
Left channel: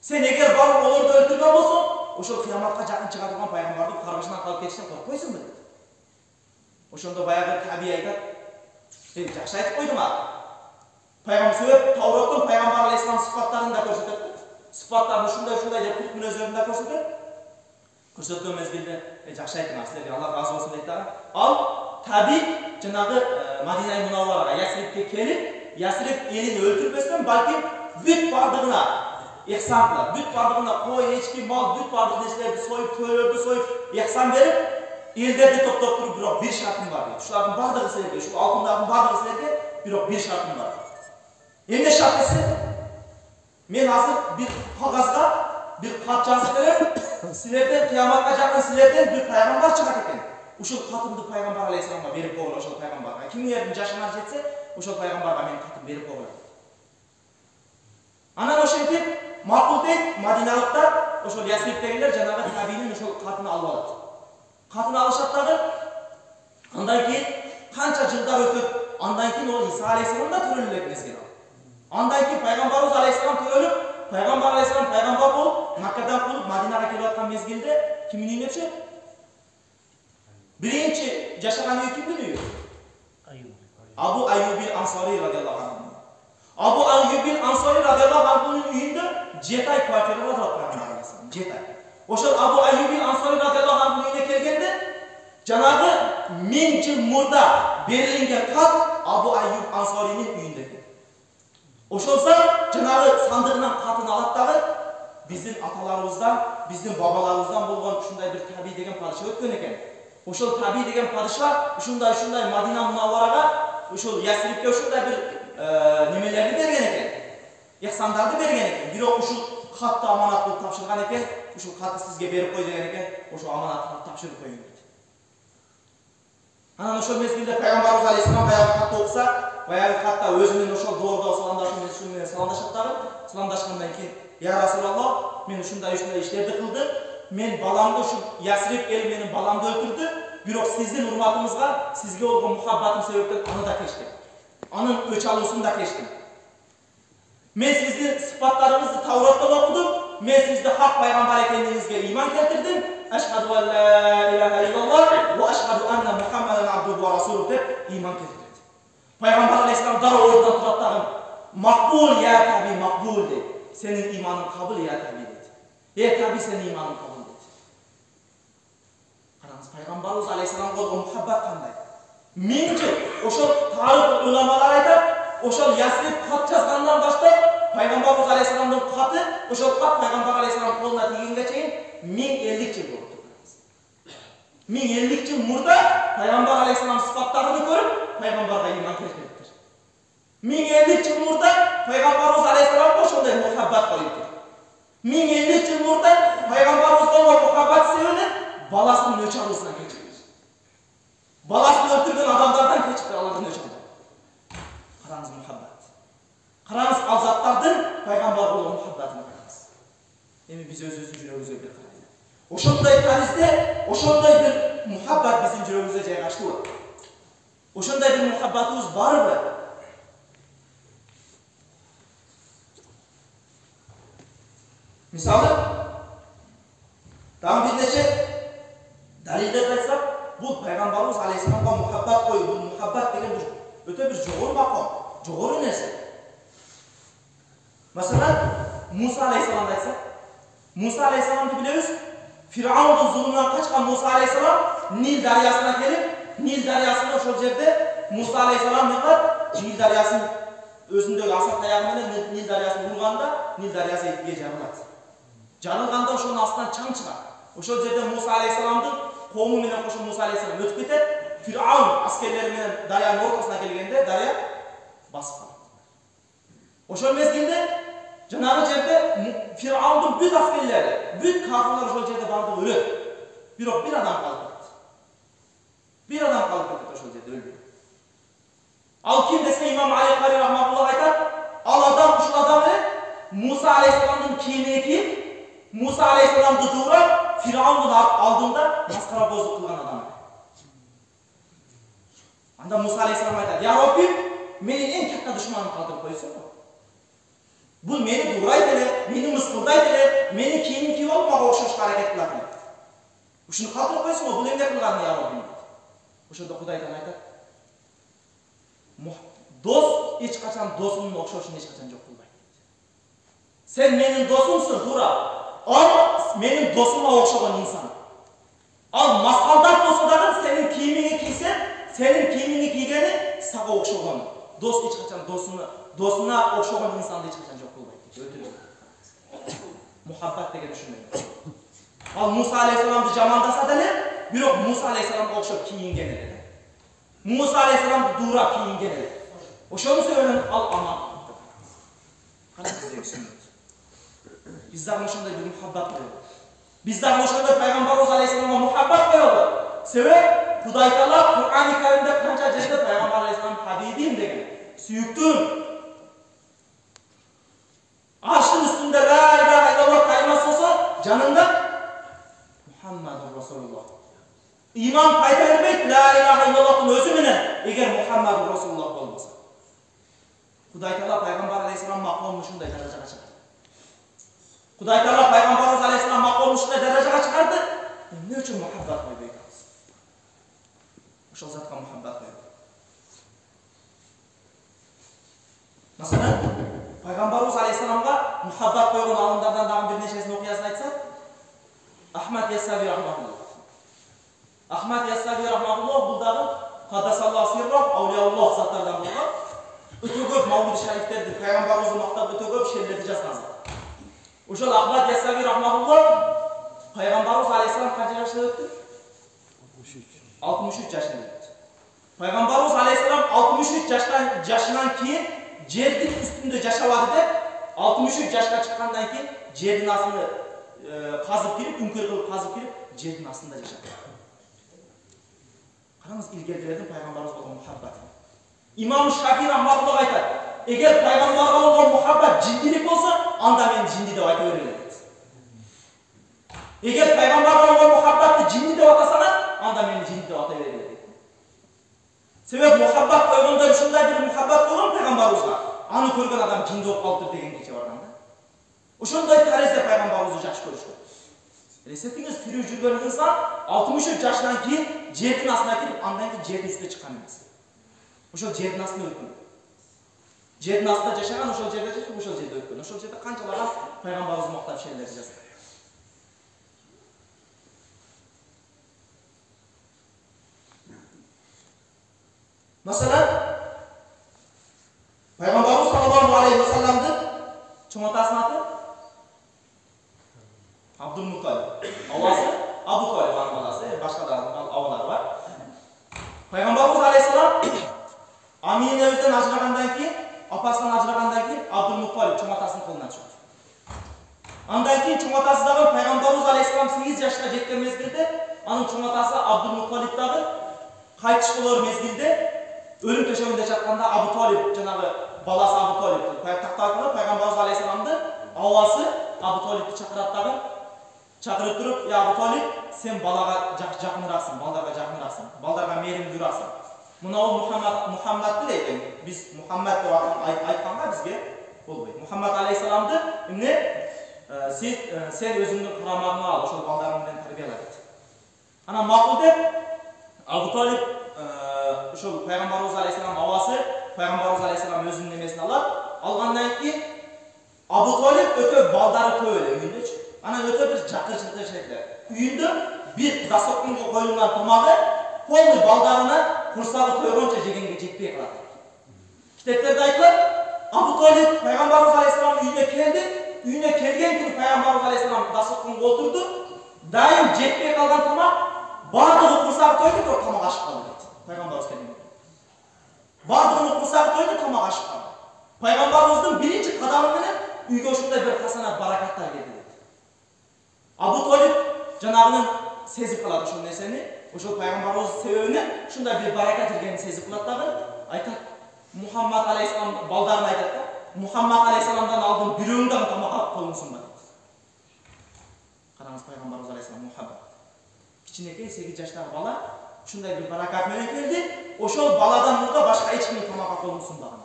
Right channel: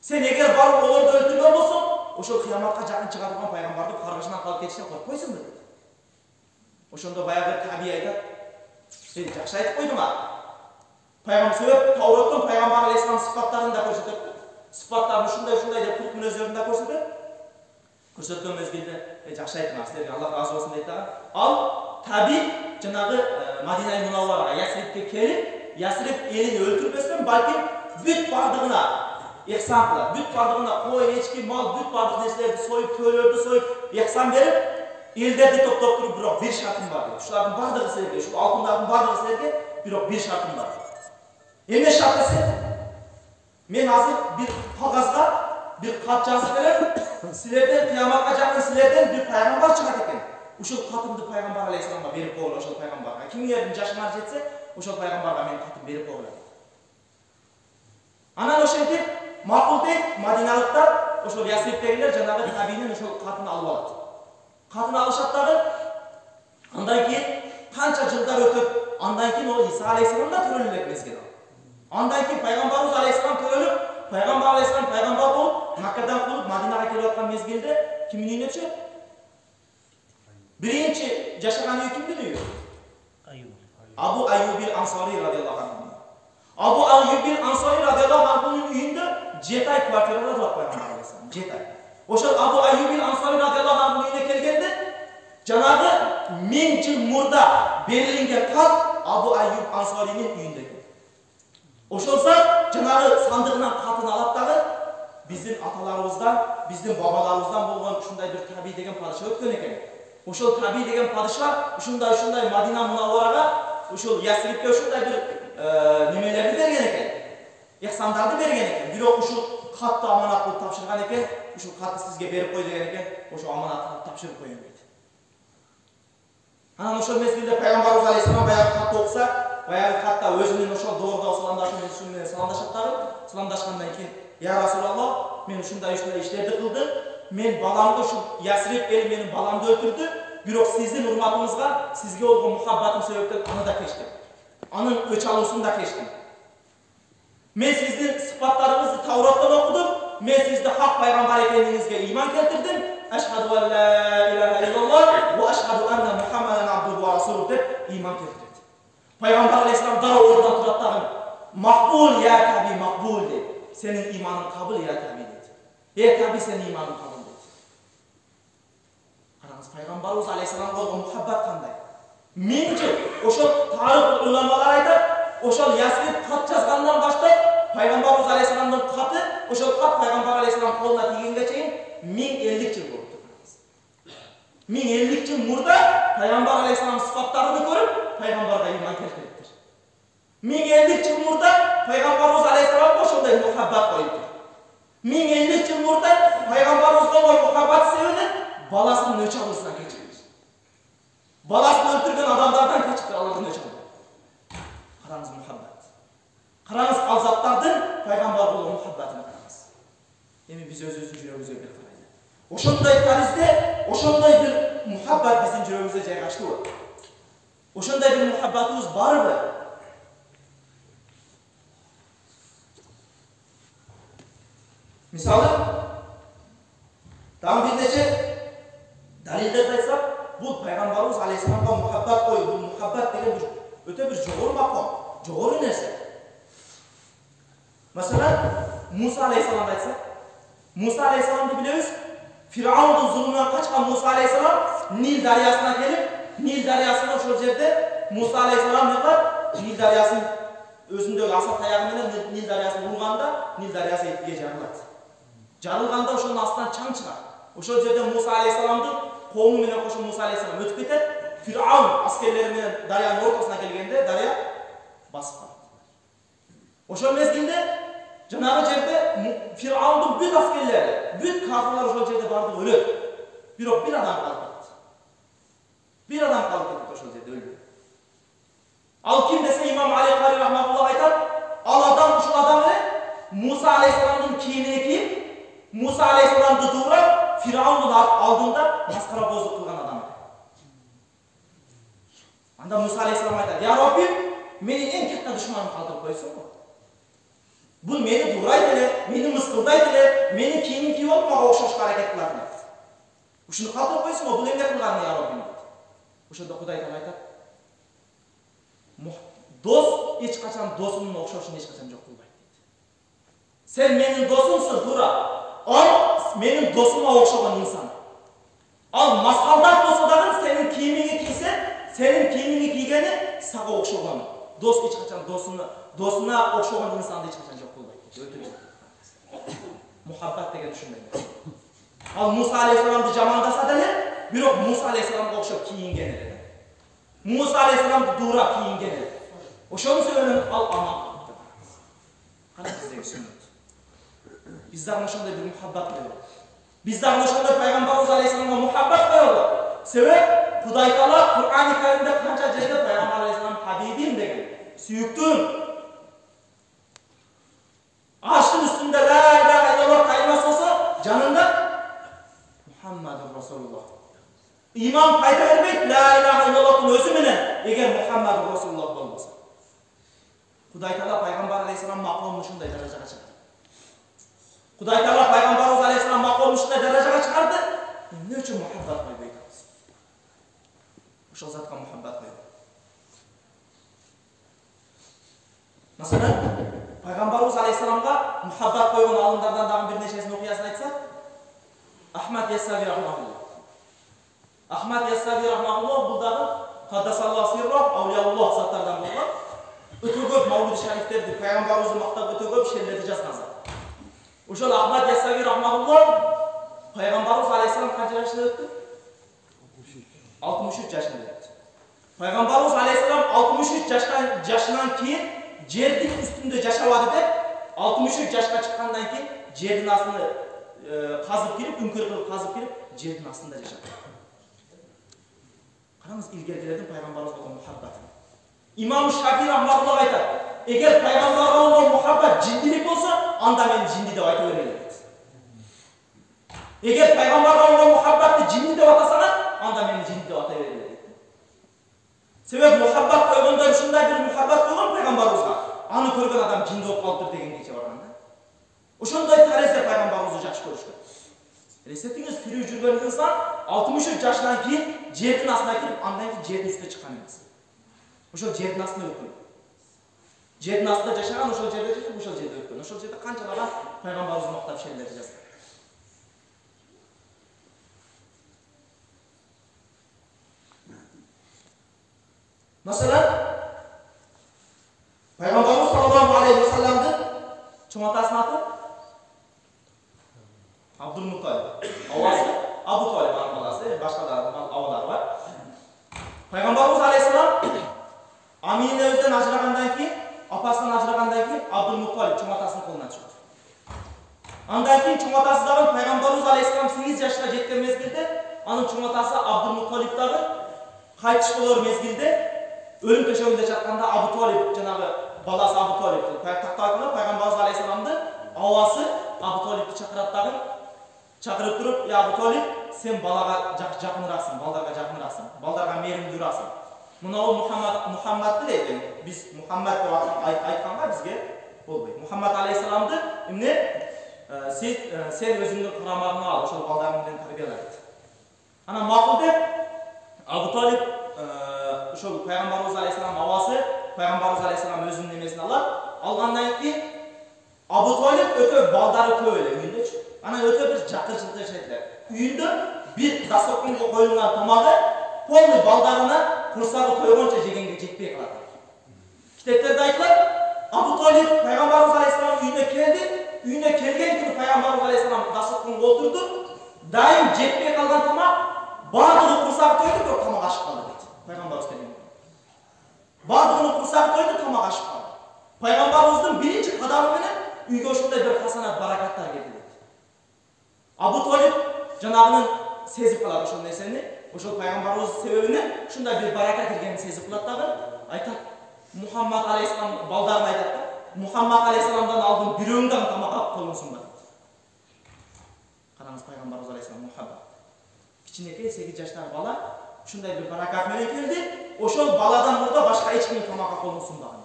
Сен эгер барып олорду өлтүргөн болсоң, ошол кыяматка жакын чыга турган пайгамбарды каргышынан калып кетиштен коркпойсуңбу дейт. Ошондо баягы Таби айтат: сен жакшы айтып койдуң а. Пайгамбар себеп Тауроттун пайгамбар алейхиссалам сыфаттарын да көрсөтөт. Сыфаттарын ушундай деп кулк мүнөздөрүн да көрсөтөт. Көрсөткөн мезгилде жакшы айттыңар, силерге Аллах разы болсун дейт дагы. Ал Таби жанагы Мадина Мунавварага Ясрибке келип, Ясриб элин өлтүрбөстөн балким бүт бардыгына ихсан кылат. Бүт бардыгына кой, эчки, мал, бүт бардык нерселерди союп, төлөрдү союп, ихсан берип, элдерди топтоп туруп, бирок бир шартым бар дейт. Ушулардын бардыгы силерге, ушул алтындардын бардыгы силерге, бирок бир шартым бар. Эмне шарт десе? Мен азыр бир кагазга бир кат жазып берем. Силерден кыяматка жакын силерден бир пайгамбар чыгат экен. Ушул катымды пайгамбар алейхиссаламга берип койгула, ошол пайгамбарга. Кимдердин жашыңар жетсе, ошол пайгамбарга менин катым берип койгула. Анан ошентип макул дейт, Мадиналыктар ошол Ясрибтегилер жанагы Табинин ошол катын алып алат. Катын алышат дагы. Андан кийин канча жылдар өтөт, андан кийин ол Иса алейхиссалам да төрөлүп элек мезгил ал. Андан кийин пайгамбарыбыз алейхиссалам төрөлүп, пайгамбар алейхиссалам пайгамбар болуп, Маккадан кулуп Мадинага келип аткан мезгилде кимдин үйүнө түшөт? Биринчи жашаган үй кимдин үйү? Абу Айюбил Ансари радиаллаху анху. Абу Айюбил Ансари радиаллаху анхунун үйүндө 7 ай квартирада турат пайгамбар алейхиссалам, 7 ай. Ошол Абу Айюбил Ансари радиаллаху анхунун үйүнө келгенде, жанагы 1000 жыл мурда берилген кат Абу Айюб Ансаринин үйүндө экен. Ошолса жанагы сандыгынан катын алат дагы биздин аталарыбыздан, биздин бабаларыбыздан болгон ушундай бир Таби деген падыша өткөн экен. Ошол Таби деген падыша ушундай Мадина Мунавварага, ошол Ясрибке ушундай бир немелерди берген экен. Ихсандарды берген экен. Бирок ушул катты аманат кылып тапшырган экен. Ушул катты сизге берип кой деген экен. Ошол аманатты тапшырып койгон дейт. Анан ошол мезгилде пайгамбарыбыз алейхиссалам баягы катты окуса, баягы катта өзүнүн ошол доордо саламдашуу менен саламдашат дагы. Саламдашкандан кийин: "Я Расулаллах, мен ушундай иштерди кылдым. Мен баламды ушул Ясриб эли менин баламды өлтүрдү. Бирок сиздин урматыңызга, сизге болгон мухаббатым себептен аны да кечтим. Анын өч алуусун да кечтим. Мен сиздин сыпаттарыңызды Тавроттон окудум. Мен сизди хак пайгамбар экендигиңизге ыйман келтирдим. Ашхаду ан ла илаха иллаллах ва ашхаду анна Мухаммадан абдуху ва расулух" деп ыйман келтирет. Пайгамбар алейхиссалам дароо ордунан турат дагы: "Макбул я Таби, макбул" дейт. "Сенин ыйманың кабыл я Таби" дейт. Таби, сенин ыйманың кабыл дейт. Караңыз, пайгамбарыбыз алейхиссаламга болгон мухаббат кандай? 1000 жыл. Ошол тарих уламалар айтат, ошол Ясриб кат жазгандан баштап пайгамбарыбыз алейхиссаламдын каты, ошол кат пайгамбар алейхиссалам колуна тийгенге чейин 1050 жыл болупту. 1050 жыл мурда пайгамбар алейхиссалам сыфаттарын көрүп, пайгамбарга ыйман келтириптир. 1050 жыл мурда пайгамбарыбыз алейхиссаламга ошондой мухаббат коюптур. 1050 жыл мурда пайгамбарыбызга болгон мухаббат себебинен баласынын өч алуусунан кечиптир. Баласын өлтүргөн адамдардан кечиптир, алардан өч албайт. Караңыз, мухаббат. Қараңыз, ал заттардың пайғамбар болу мұхаббатын қараңыз. Эми биз өзүбүздүн жүрөгүбүзгө бир карайлы. Ошондой таризде, ошондой бир мұхаббат биздин жүрөгүбүздө жайгаштыбы? Ошондой бир мұхаббатыбыз барбы? Мисалы, дагы бир нече далилдерди айтсак, бул пайгамбарыбыз алейхисаламга мұхаббат коюу, бул мұхаббат деген бир өтө бир жогору маком, жогору нерсе. Masalan, Musa aleyhisselam'da aytsak, Musa aleyhisselam'dı biliriz. Firavun'un zulmünden kaçkan Musa aleyhisselam Nil daryasına gelip, Nil daryasında şu yerde Musa aleyhisselam ne var? Nil daryasının özündeki asa tayağıyla Nil daryasını vurganda Nil daryası etkiye jarıladi. Jarılganda oşonun astından çaң çıkar. Oşol yerde Musa aleyhisselam'dı qoğumu menen koşup Musa aleyhisselam ötüp ketet. Firavun askerleri menen daryanın ortasına gelgende darya basıp kaladi. Oşol mezgilde Cenab-ı Celle Firavun'un büt askerleri, büt kafirler oşol yerde bardı ölüp. Bir adam kalıp gitti. Bir adam kalıp gitti oşol yerde öldü. Al kim dese İmam Ali Kari Rahmatullah aytar, al adam oşol adam ile Musa Aleyhisselam'ın kiyimini giyip, Musa Aleyhisselam'ı doğrap, Firavun'un aldığında maskara bozuk kılgan adam ile. Anda Musa Aleyhisselam aytar, ya Rabbim, meni en katta düşmanım kaldırıp koysun mu? Bu meni duraydılar, meni mıskıldaydılar, meni kiyimini kiyip olup mağa okşaş hareket kıladılar. Uşunu kaldırıp koysun mu? Bu emne kılganı ya Rabbim? Uşunda Huday Teala aytar, dost hiç kaçan dosunun okşaşını hiç kaçan yok kılbaydı. Sen benim dostumsun Dura. Al benim dostuma okşagan insan. Al maskaldak dostu dağın senin kiyimini giysen, senin kiyimini giygeni sağa okşaganı. Dost hiç kaçan dostuna okşagan insanda hiç kaçan yok kılbaydı. Öldürüyor. Muhabbat degen düşünmeyin. Al Musa Aleyhisselam'dı jamandasa da ne? Birok Musa Aleyhisselam'a okşap kiyingen ele. Musa Aleyhisselam'dı Dura kiyingen ele. Oşonu söylenin al aman. Kana bizdeki sünnet. Bizden oşonda bir muhabbat koyuldu. Bizden oşonda Peygamberimiz Aleyhisselam'a muhabbat koyuldu. Sebep Huday Teala Kur'an-ı Kerim'de kança jerde Peygamber Aleyhisselam Habibim degen, süyüktüm. Arşın üstünde la ilahe illallah kayması olsa canında Muhammedur Resulullah. İman payda vermek la ilahe illallah'ın özü menen eğer Muhammedur Resulullah olmasa. Huday Teala Peygamber Aleyhisselam makamını şunday dereceye çıkardı. Huday Teala Peygamberimiz Aleyhisselam makamını şunday dereceye çıkardı. Ne için muhabbat koyup aytamiz? Oşol zatqa muhabbat koyup. Masalan, Peygamberimiz Aleyhisselam'a muhabbat koygan alımlardan dağın bir neçesini okuyasını aytsak, Ahmet Yessavi Rahmatullah. Ahmet Yessavi Rahmatullah bu dağın Kaddasallahu sirrah, Avliyaullah zatlardan bulgan. Öte köp Mavlid-i Şeriflerdi, Peygamberimizni maqtab öte köp şerlerdi жазган zat. Oşol Ahmet Yessavi Rahmatullah Peygamberimiz Aleyhisselam kança yaşında öttü? 63 yaşında öttü. Peygamberimiz Aleyhisselam 63 yaşından keyin жердин üstünde жашабады деп 63 yaşka çıkkandan keyin жердин астына kazıp girip, ünkör kılıp kazıp girip жердин астында жашады. Qarаңыз ilgerilerden Peygamberimiz olan muhabbati. İmam Şafii Rahmatullah aytar, eğer Peygamber'e olan muhabbat cindilik olsa, anda men cindi dep ayta bereli deydi. Eğer Peygamber'e olan muhabbatı cindi dep atasalar, anda men cindi dep ata bereli deydi. Sebep muhabbat koyganda şunday bir muhabbat koygan Peygamberimizge, anı körgen adam cindi bolup kalıptır degen keche barganda. Oşonday tarizde Peygamberimizni jakşı körüşkөн. Elesetiңiz tiriw жүргөн insan 63 yaşından keyin жердин астына кирип, andan keyin жердин üstüne çıkan emas. Oşol жердин астына өткөн. Жердин астында жашаган, ошол жерде жашап, ошол жерде өткөн. Ошол жерде канчалаган Peygamberimizni мактап шерлерди жазган. Masalan, Peygamberimiz sallallahu aleyhi ve sellem'di çoң atasının atı Abdülmuttalib. Avası Abu Talib anın balası, başka da avalar var. Peygamberimiz aleyhisselam Amine'nin özden ajragandan keyin, apasından ajragandan keyin Abdülmuttalib çoң atasının koluna çıktı. Andan keyin çoң atası dagı Peygamberimiz aleyhisselam 8 yaşına жеткен mezgilde, anın çoң atası Abdülmuttalib dagı qaytış bolor mezgilde өлім төшегінде жатқанда Абу Талиб, жаңағы баласы Абу Талиб, тақталғанда пайғамбарымыз алейхисаламды ауасы Абу Талибті шақырып тұрып, Абу Талиб, сен балаға жақынырақсың, балдарға жақынырақсың, балдарға мейірімдірақсың. Мына ол Мұхаммадты дейді. Біз Мұхаммад деп айтқанға бізге болмайды. Мұхаммад алейхисаламды сен өзіңнің қарамағыңа ал, ошол балдарыңмен тәрбиела дейді. Ана мақұл деп Абу Талиб ошол пайғамбарымыз алейхисалам ауасы, пайғамбарымыз алейхисалам өзінің немесін алғаннан кейін Абу Талиб өте балдары көп эле үйүндө. Ана өте бір жақыр-жылқы жайтлар. Үйүндө bir дастарханға қойылған тамағы полный балдарына құрсағы тойғанша жегенге жетпей қалады. Китептерде айтылады, Абу Талиб пайғамбарымыз алейхисалам үйіне келді. Үйіне келген күні пайғамбарымыз алейхисалам дастарханға отырды. Дайым жетпей қалған тамақ барлығы құрсағы тойды, бірақ тамақ ашып қалды дейді. Пайғамбарымыз келген күні. Барлығының құрсағы тойды, тамақ ашып қалды. Пайғамбарымыздың бірінші қадамыменен үйге ошондай бір хасанат баракаттар келді дейді. Абу Талиб жанагынын сезип калат ошол нерсени, ошол пайгамбарыбыз себебинен ушундай бир барака киргенин сезип калат дагы. Айтат, Мухаммад алейхисалам балдарына айтат да, Мухаммад алейхисаламдан алдын бирөөң дагы тамак алып койгонсуңбу дейт. Караңыз, пайгамбарыбыз алейхисалам Мухаммад кичинекей 8 жаштагы бала ушундай бир баракат менен келди. Ошол баладан мурда башка эч ким тамак алып койгонсунбаган.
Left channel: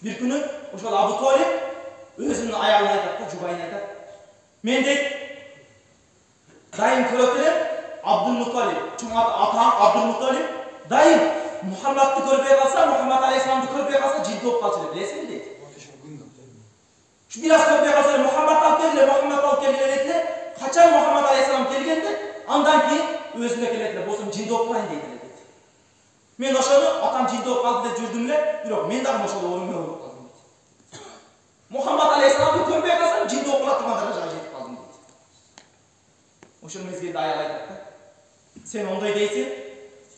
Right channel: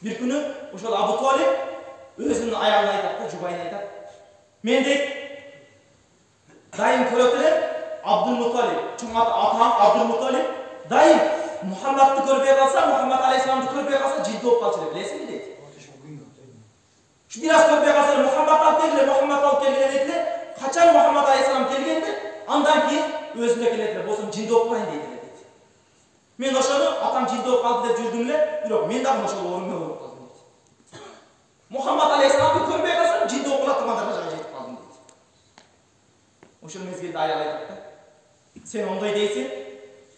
Бир күнү ошол Абу Талиб өзүнүн аялына айтат да, жубайына айтат. Мен дейт дайым көрөт элем Абдул-Муталиб, чоң атаң Абдул-Муталиб дайым Мухаммадты көрбөй калса, Мухаммад алейхисаламды көрбөй калса жин болуп калчу деп билесизби дейт. Şu biraz көрбөй калса Мухаммад алып келгиле, Мухаммад алып келгиле дейт эле. Качан Мухаммад алейхисалам келгенде, андан кийин өзүнө келет эле, болсом жин болуп калайын дейт эле дейт. Мен ошону атам жин болуп калды деп жүрдүм эле, бирок мен дагы ошол орунга болуп калдым дейт. Мухаммад алейхисаламды көрбөй калсам жин болуп кала турган даражага жетип калдым дейт. Ошол мезгилде аял айтат да, сен ондой дейсиң,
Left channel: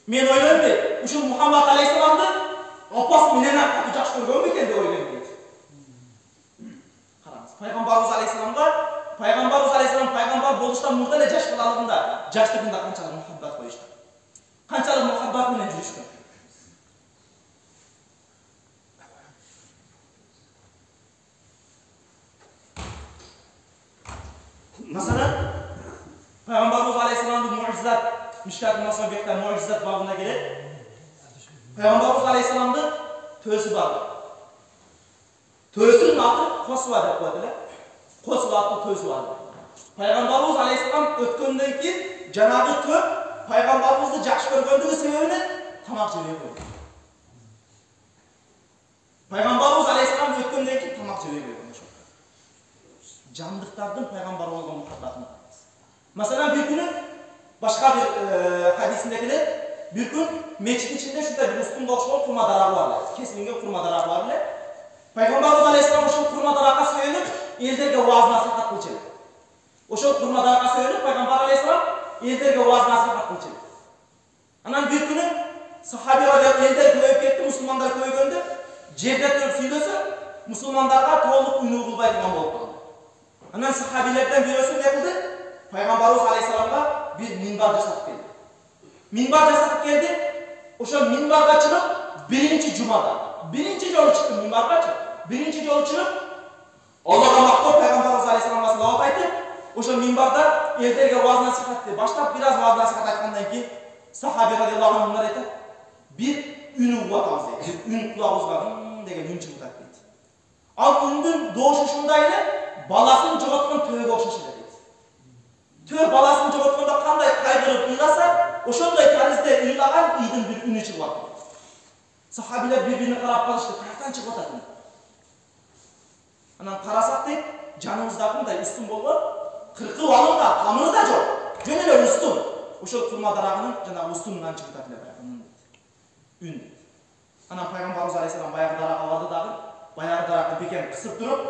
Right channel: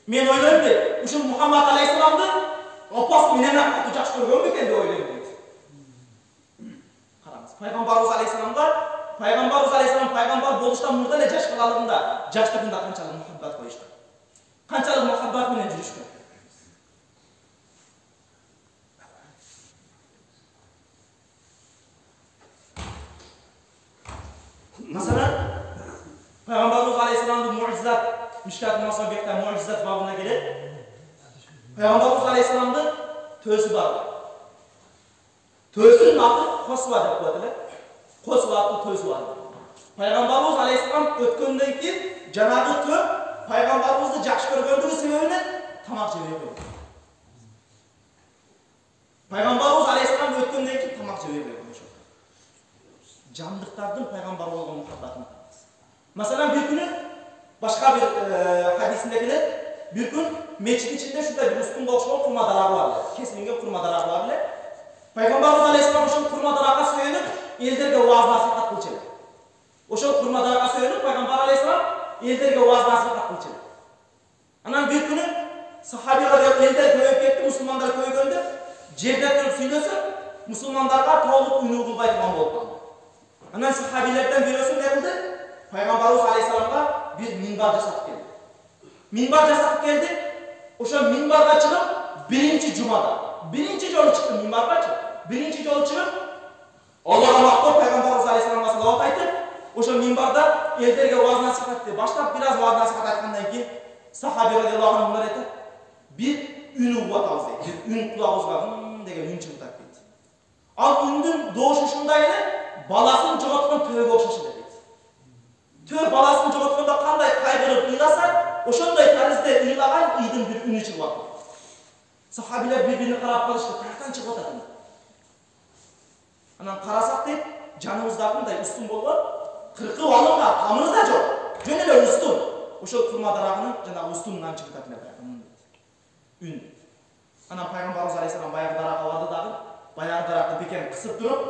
мен ойлойм дейт, ушул Мухаммад алейхисаламды апас менен катуу жакшы көргөн бекен деп ойлойм дейт. Караңыз, пайгамбарыбыз алейхисаламга, пайгамбарыбыз алейхисалам пайгамбар болуштан мурда эле жаш балалыгында, жаштыгында канчалык мухаббат коюшту. Канчалык мухаббат менен жүрүшкөн. Masalan, Peygamberimiz Aleyhisselam'ın mucizat, Müşkat-ı Masabik'te mucizat babına gelir. Peygamberimiz Aleyhisselam'ın tösü var. Tösünün adı Kosva deyip koydular. Kosva adlı tösü var. Peygamberimiz Aleyhisselam ötkönden keyin janağı tö Peygamberimizni жақсы көргөндүгү себебинен тамак жебей койду. Peygamberimiz Aleyhisselam ötkөндөн keyin тамак жебей койду ошол. Жандыктардын пайгамбар болгон мухаббатын караңыз. Masalan bir günü başka bir hadisinde kelет, bir gün meçit içinde şurada bir üstünde okşayan kurma darağı var. Kesilingen kurma darağı var. Peygamberimiz Aleyhisselam oşol kurma darağa söylenip elderge vaaz nasihat kılçı. Oşol kurma darağa söylenip Peygamber Aleyhisselam elderge vaaz nasihat kılçı. Anan bir günü sahabiler elder köyüp ketdi, musulmanlar köygöndü. Jerde turup süйлөсө, musulmanlarga толук үнү кылбай турган болуп калды. Anan sahabilerden birisi ne kıldı? Peygamberimiz Aleyhisselam'a bir minbar jasatıp geldi. Minbar jasatıp geldi. Oşo minbarga çıkıp birinci cumada, birinci jolu çıktı minbarga çıkıp, birinci jolu çıkıp Allah'a maktub Peygamberimiz Aleyhisselam'a salavat aytıp, oşo minbarda elderge vaaz nasihat etti. Başta biraz vaaz nasihat aytkandan keyin sahabi radıyallahu anh bunlar aytadi. Bir ün uğuvatabız deydi. Bir ün kulağımızga деген ün çıkıp deydi. Al ündün doğuşu şunday ele balasını jogoткон төбөгө окшош эле дейт. Төө баласын жоготкондо кандай кайгырып ыйласа, ошондой таризде ыйлаган ийдин бир үнү чыгып атты. Сахабилер бири-бирине карап калышты, каяктан чыгып атат үн. Анан карасак дейт, жаныбызда мындай устун болгон, кыркып алынган тамыры да жок. Жөн эле устун. Ошол курма дарагынын жанагы устунунан чыгып атат эле баягы дейт. Үн дейт. Анан Пайгамбарыбыз Алейхиссалам баягы даракка барды дагы, баягы даракты бекем кысып туруп,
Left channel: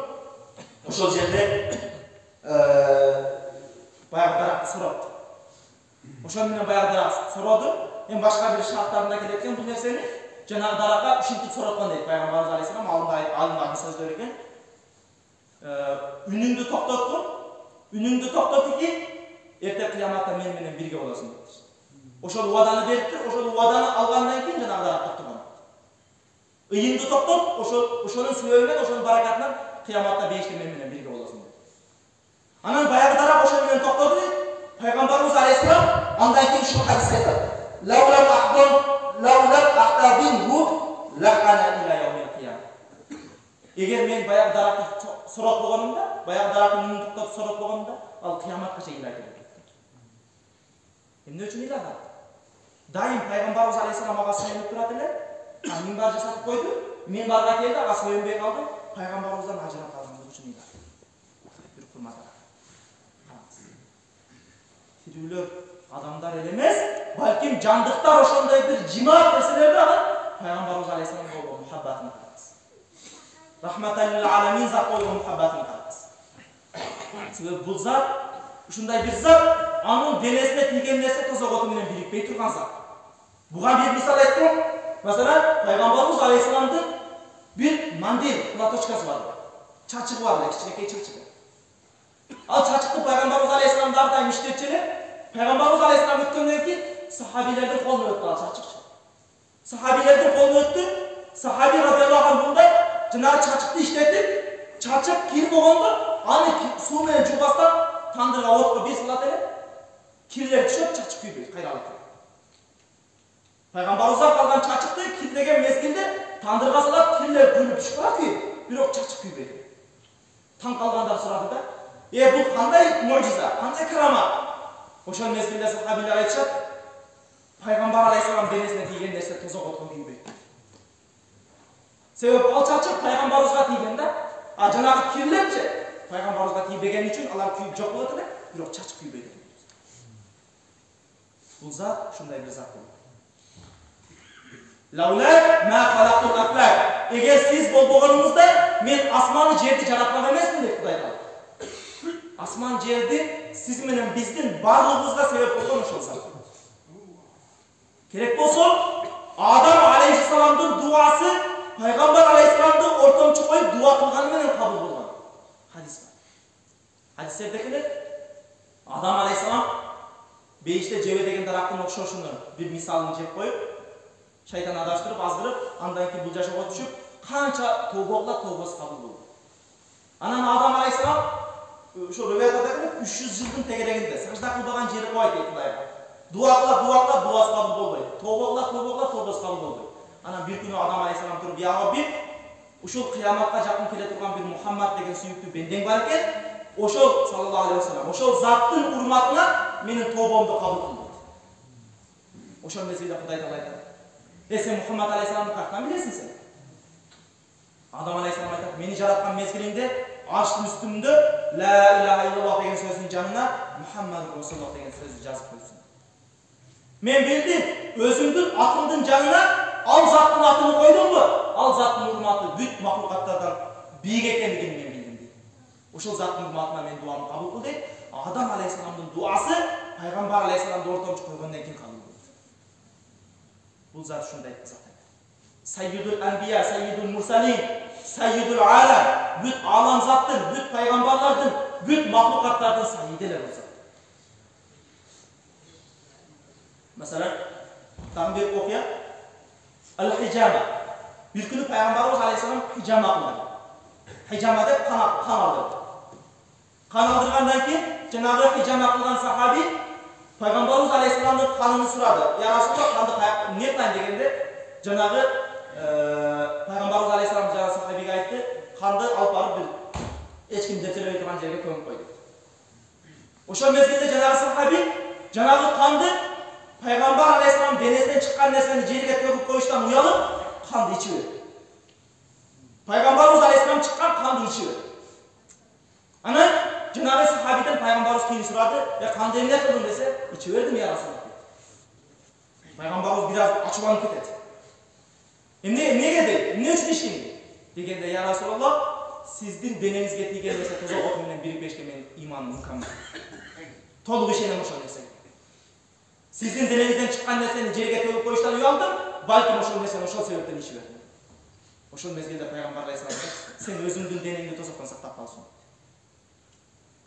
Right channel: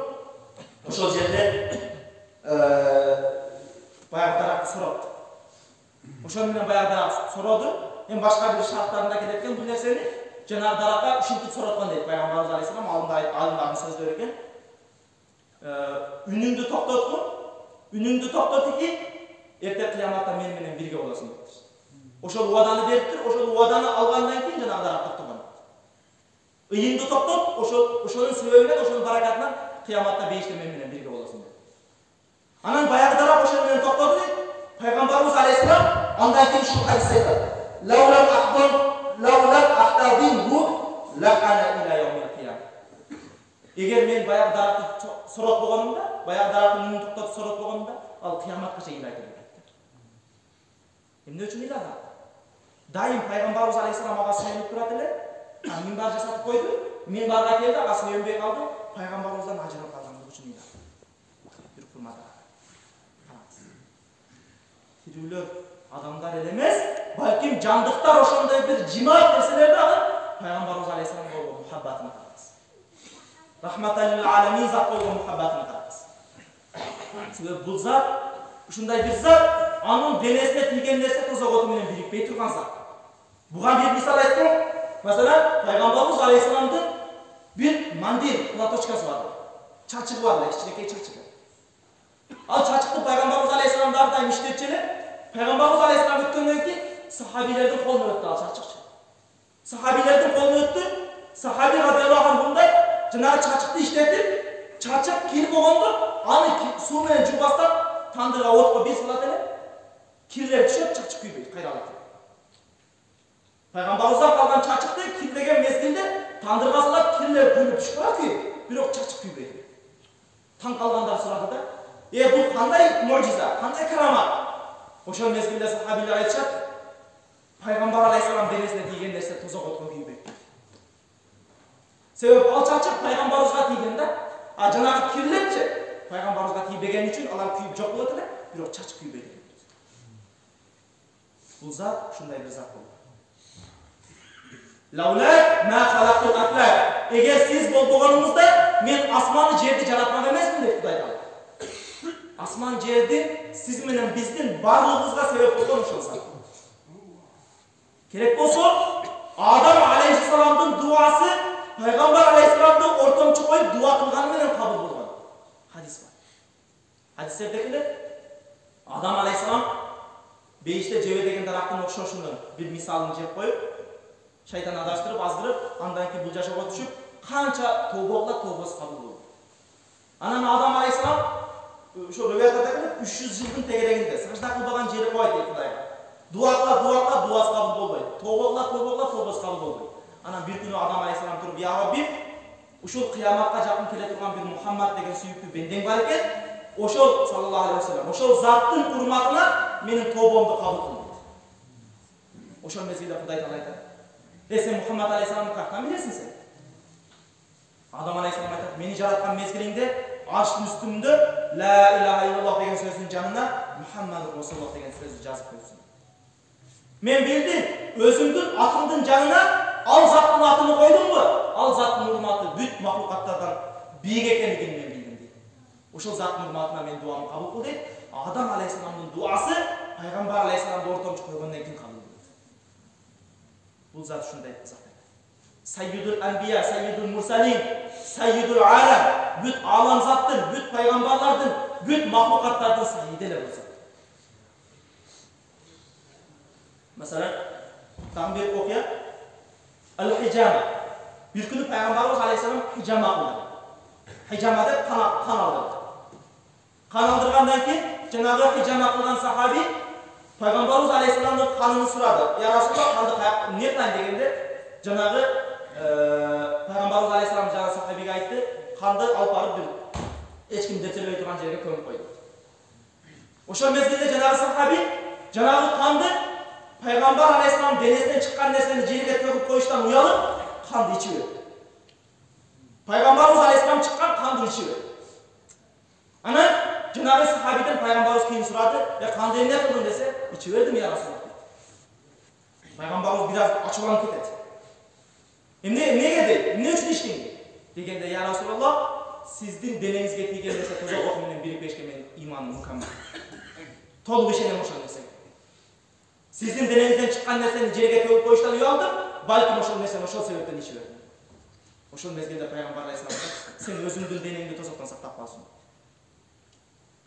ошол жерде баягы даракты соропту. Ошон менен баягы дарак сороду. Эми башка бир шарттарында келет экен бул нерсени. Жанагы даракка ушинтип сороткон дейт Пайгамбарыбыз Алейхиссалам, алымдардын сөздөр экен. Үнүңдү токтоткун, үнүңдү токтот ки эрте кыяматта мен менен бирге болосуң дептир. Ошол убаданы бериптир, ошол убаданы алгандан кийин жанагылар токтогон. Ыйыңды токтот, ошонун себебинен, ошонун баракатынан кыяматта бейиште мен менен бирге болосуң деп. Анан баягыдараак ошол менен токтоду дейт. Пайгамбарыбыз алейхиссалам андан кийин ушул хадисте айтат. Лаулал ахтабинху лахана иля яумил кыям. Эгер мен баягы даракты сорот болгонумда, баягы дарактын үнүн токтотуп сорот болгонумда, ал кыяматка чейин илайт деп. Эмне үчүн илады? Дайым пайгамбарыбыз алейхиссалам ага сүйөнүп турат эле. Минбар жасатып койду. Минбарга келди, ага сүйөнбөй калды. Пайгамбарыбыздан ажырап калгандыгы үчүн илады. Бир курматар. Тирүүлөр адамдар эле эмес, балким жандыктар ошондой бир жимаат нерселерди алып, пайгамбарыбыз алейхиссалам болгон мухаббатын караңыз. Рахматал лил аламин зат болгон мухаббатын караңыз. Себеби бул зат ушундай бир зат, анын денесине тийген нерсе тозоготу менен бирикпей турган зат. Буга бир мисал айтсам, маселен, пайгамбарыбыз алейхиссаламдын бир мандил, платочкасы бар. Чачыгы бар, кичинекей чачыгы. Ал чачыкты пайгамбарыбыз алейхиссалам ар дайым иштетчү эле. Пайгамбарыбыз алейхиссалам өткөндөн кийин сахабилердин колуна өттү ал чачыкчы. Сахабилердин колуна өттү. Сахаби радиаллаху анху мындай жанагы чачыкты иштетип, чачык кир болгондо аны суу менен жуубастан тандырга отко бир салат эле. Кирлер түшөт, чачык күйбөйт, кайра алат. Пайгамбарыбыздан калган чачыкты кирлеген мезгилде тандырга салат, кирлер күйүп түшүп калат, бирок чачык күйбөйт. Таң калгандар сурады да, бул кандай мужиза, кандай карамат? Ошол мезгилде сахабилер айтышат, пайгамбар алейхиссалам денесине тийген нерсе тозокотко күйбөйт. Себеби ал чачык пайгамбарыбызга тийген да, а жанагы кирлерчи пайгамбарыбызга тийбеген үчүн алар күйүп жок болот эле, бирок чачык күйбөйт эле. Бул зат ушундай бир зат болгон. Лаулак ма халактул афлак. Эгер сиз болбогонуңузда мен асманды жерди жаратмак эмесмин деп Кудай айтат. Асман жерди сиз менен биздин барлыгыбызга себеп болгон ошол зат. Керек болсо, Адам алейхиссаламдын дуасы пайгамбар алейхиссаламды ортомчу коюп дуа кылганы менен кабыл болгон. Хадис бар. Хадистерде келет, Адам алейхиссалам бейиште жебе деген дарактын окшошуну бир мисалын жеп коюп, шайтан адаштырып, аздырып, андан кийин бул жашоого түшүп, канча тобо кылат, тобосу кабыл болду. Анан Адам алейхиссалам ошо рубиятада келет 300 жылдын тегерегинде сажда кылбаган жери койт дейт Кудайга. Дуа кылат, дуасы кабыл болбойт. Тобо кылат, тобосу кабыл болбойт. Анан бир күнү Адам алейхиссалам туруп, "Я Раббим, ушул кыяматка жакын келе турган бир Мухаммад деген сүйүктүү бендең бар экен. Ошол саллаллаху алейхи вассалам, ошол заттын урматына менин тобомду кабыл кыл" дейт. Ошол мезгилде Кудай Таала айтат, "Сен Мухаммад алейхиссаламды каяктан билесиң сен?" Адам алейхиссалам айтат, "Мени жараткан мезгилиңде арштын үстүндө ла илаха иллаллах деген сөздүн жанына Мухаммад Расулуллах деген сөздү жазып койсуң. Мен билдим, өзүңдүн атыңдын жанына ал заттын атын койдуңбу? Ал заттын урматы бүт махлукаттардан бийик экенин мен билдим" дейт. Ошол заттын урматына мен дуамды кабыл кыл дейт. Адам алейхиссаламдын дуасы пайгамбар алейхиссаламды ортомчу койгондон кийин кабыл болот. Бул зат ушундай зат. Sayyidul Anbiya, Sayyidul Mursalin, Sayyidul Alam, büt alam zattın, büt peygamberlerden, büt mahlukatlardan sayyideler olsa. Mesela, tam bir okuya, Al-Hijama. Bir günü Peygamberimiz Aleyhisselam hijama kıldı. Hijama deyip kan aldırdı. Kan aldırgandan ki, Cenab-ı hijama kılgan sahabi, Peygamberimiz Aleyhisselam'ın kanını suradı. Ya Resulullah kandı ne kılayım degende, Cenab-ı Peygamberimiz Aleyhisselam jana sahabiga aytты, kandı alıp barıp bir hiç kim dertelebey turgan жерге көмүп койду. Ошол мезгилде жанагы сахаби, жанагы канды Peygamber Aleyhisselam denesinden çıkan nersени жерге төгүп коюштан уялып, kandı içi verdi. Peygamberimiz Aleyhisselam çıkan kandı içi verdi. Ana жанагы sahabiden Peygamberimiz keyin suradı, "Ya kandı emне kıldın?" dese, "İçi verdim ya Resulullah." Peygamberimiz biraz açılanıp ketedi. Nege deydi? Ne üçün iştin? Degende, "Ya Resulullah, sizdin denenizge тийген нерсе тозок оту менен бирикпешке менин иманым мукаммал. Толук ишенем ошол нерсеге. Sizdin denenizden çıkan nersени жерге төгүп коюштан уялдым, балким ошол нерсени ошол себептен ичип бердим." Ошол мезгилде Пайгамбар алейхиссалам айтат, "Сен өзүңдүн денеңди тозоктон сактап калсың."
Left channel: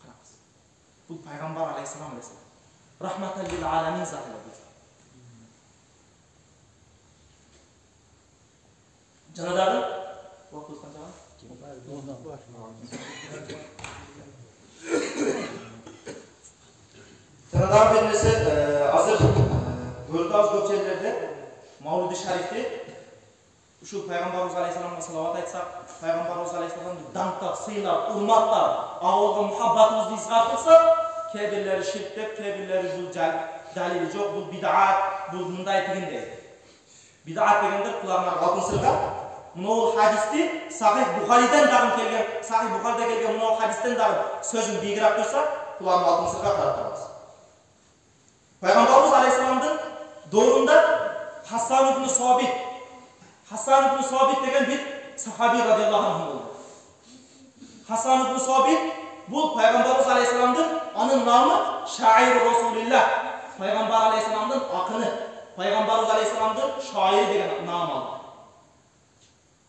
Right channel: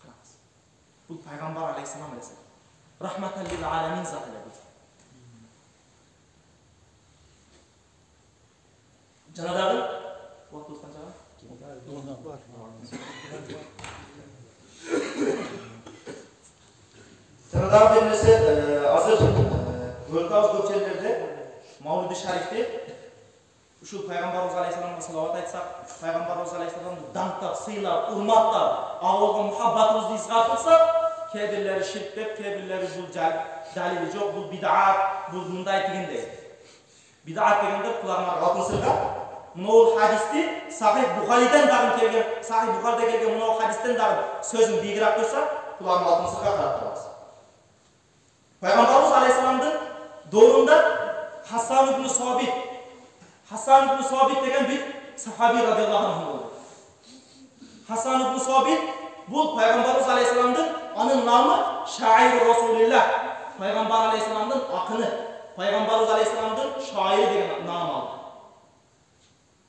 Караңыз. Бул Пайгамбар алейхиссалам. Рахматал лил аламин заты эле бул. Жанадагы уақыт қанша? Жанадагы bir нәрсе азыр көрдіңіз көп жерлерде Маулиди шарифте ушул пайгамбарыбыз алейхисаламга салават айтсак, пайгамбарыбыз алейхисаламды даңктап, сыйлап, урматтап, агылга мухаббатыбызды изгар кылсак, кээ-бирлери ширк деп, кээ-бирлери бул далили жок, бул бид'ат, бул мындай дегендей. Бид'ат дегенде куларыңар алтын сырга мынау хадисти Сахих Бухариден дагы келген, Сахих Бухарида келген мынау хадистен дагы сөзүн бийигирээк койсак, куларың алтын сырга карап турабыз. Пайгамбарыбыз алейхисаламдын доорунда Хасан ибн Sabit деген bir sahabi radıyallahu anh oldu. Hasan ibn Sabit bu Peygamberimiz aleyhisselam'ın anın namı şair Resulullah. Peygamber aleyhisselam'ın akını. Peygamberimiz aleyhisselam'ın şairi degen nam aldı.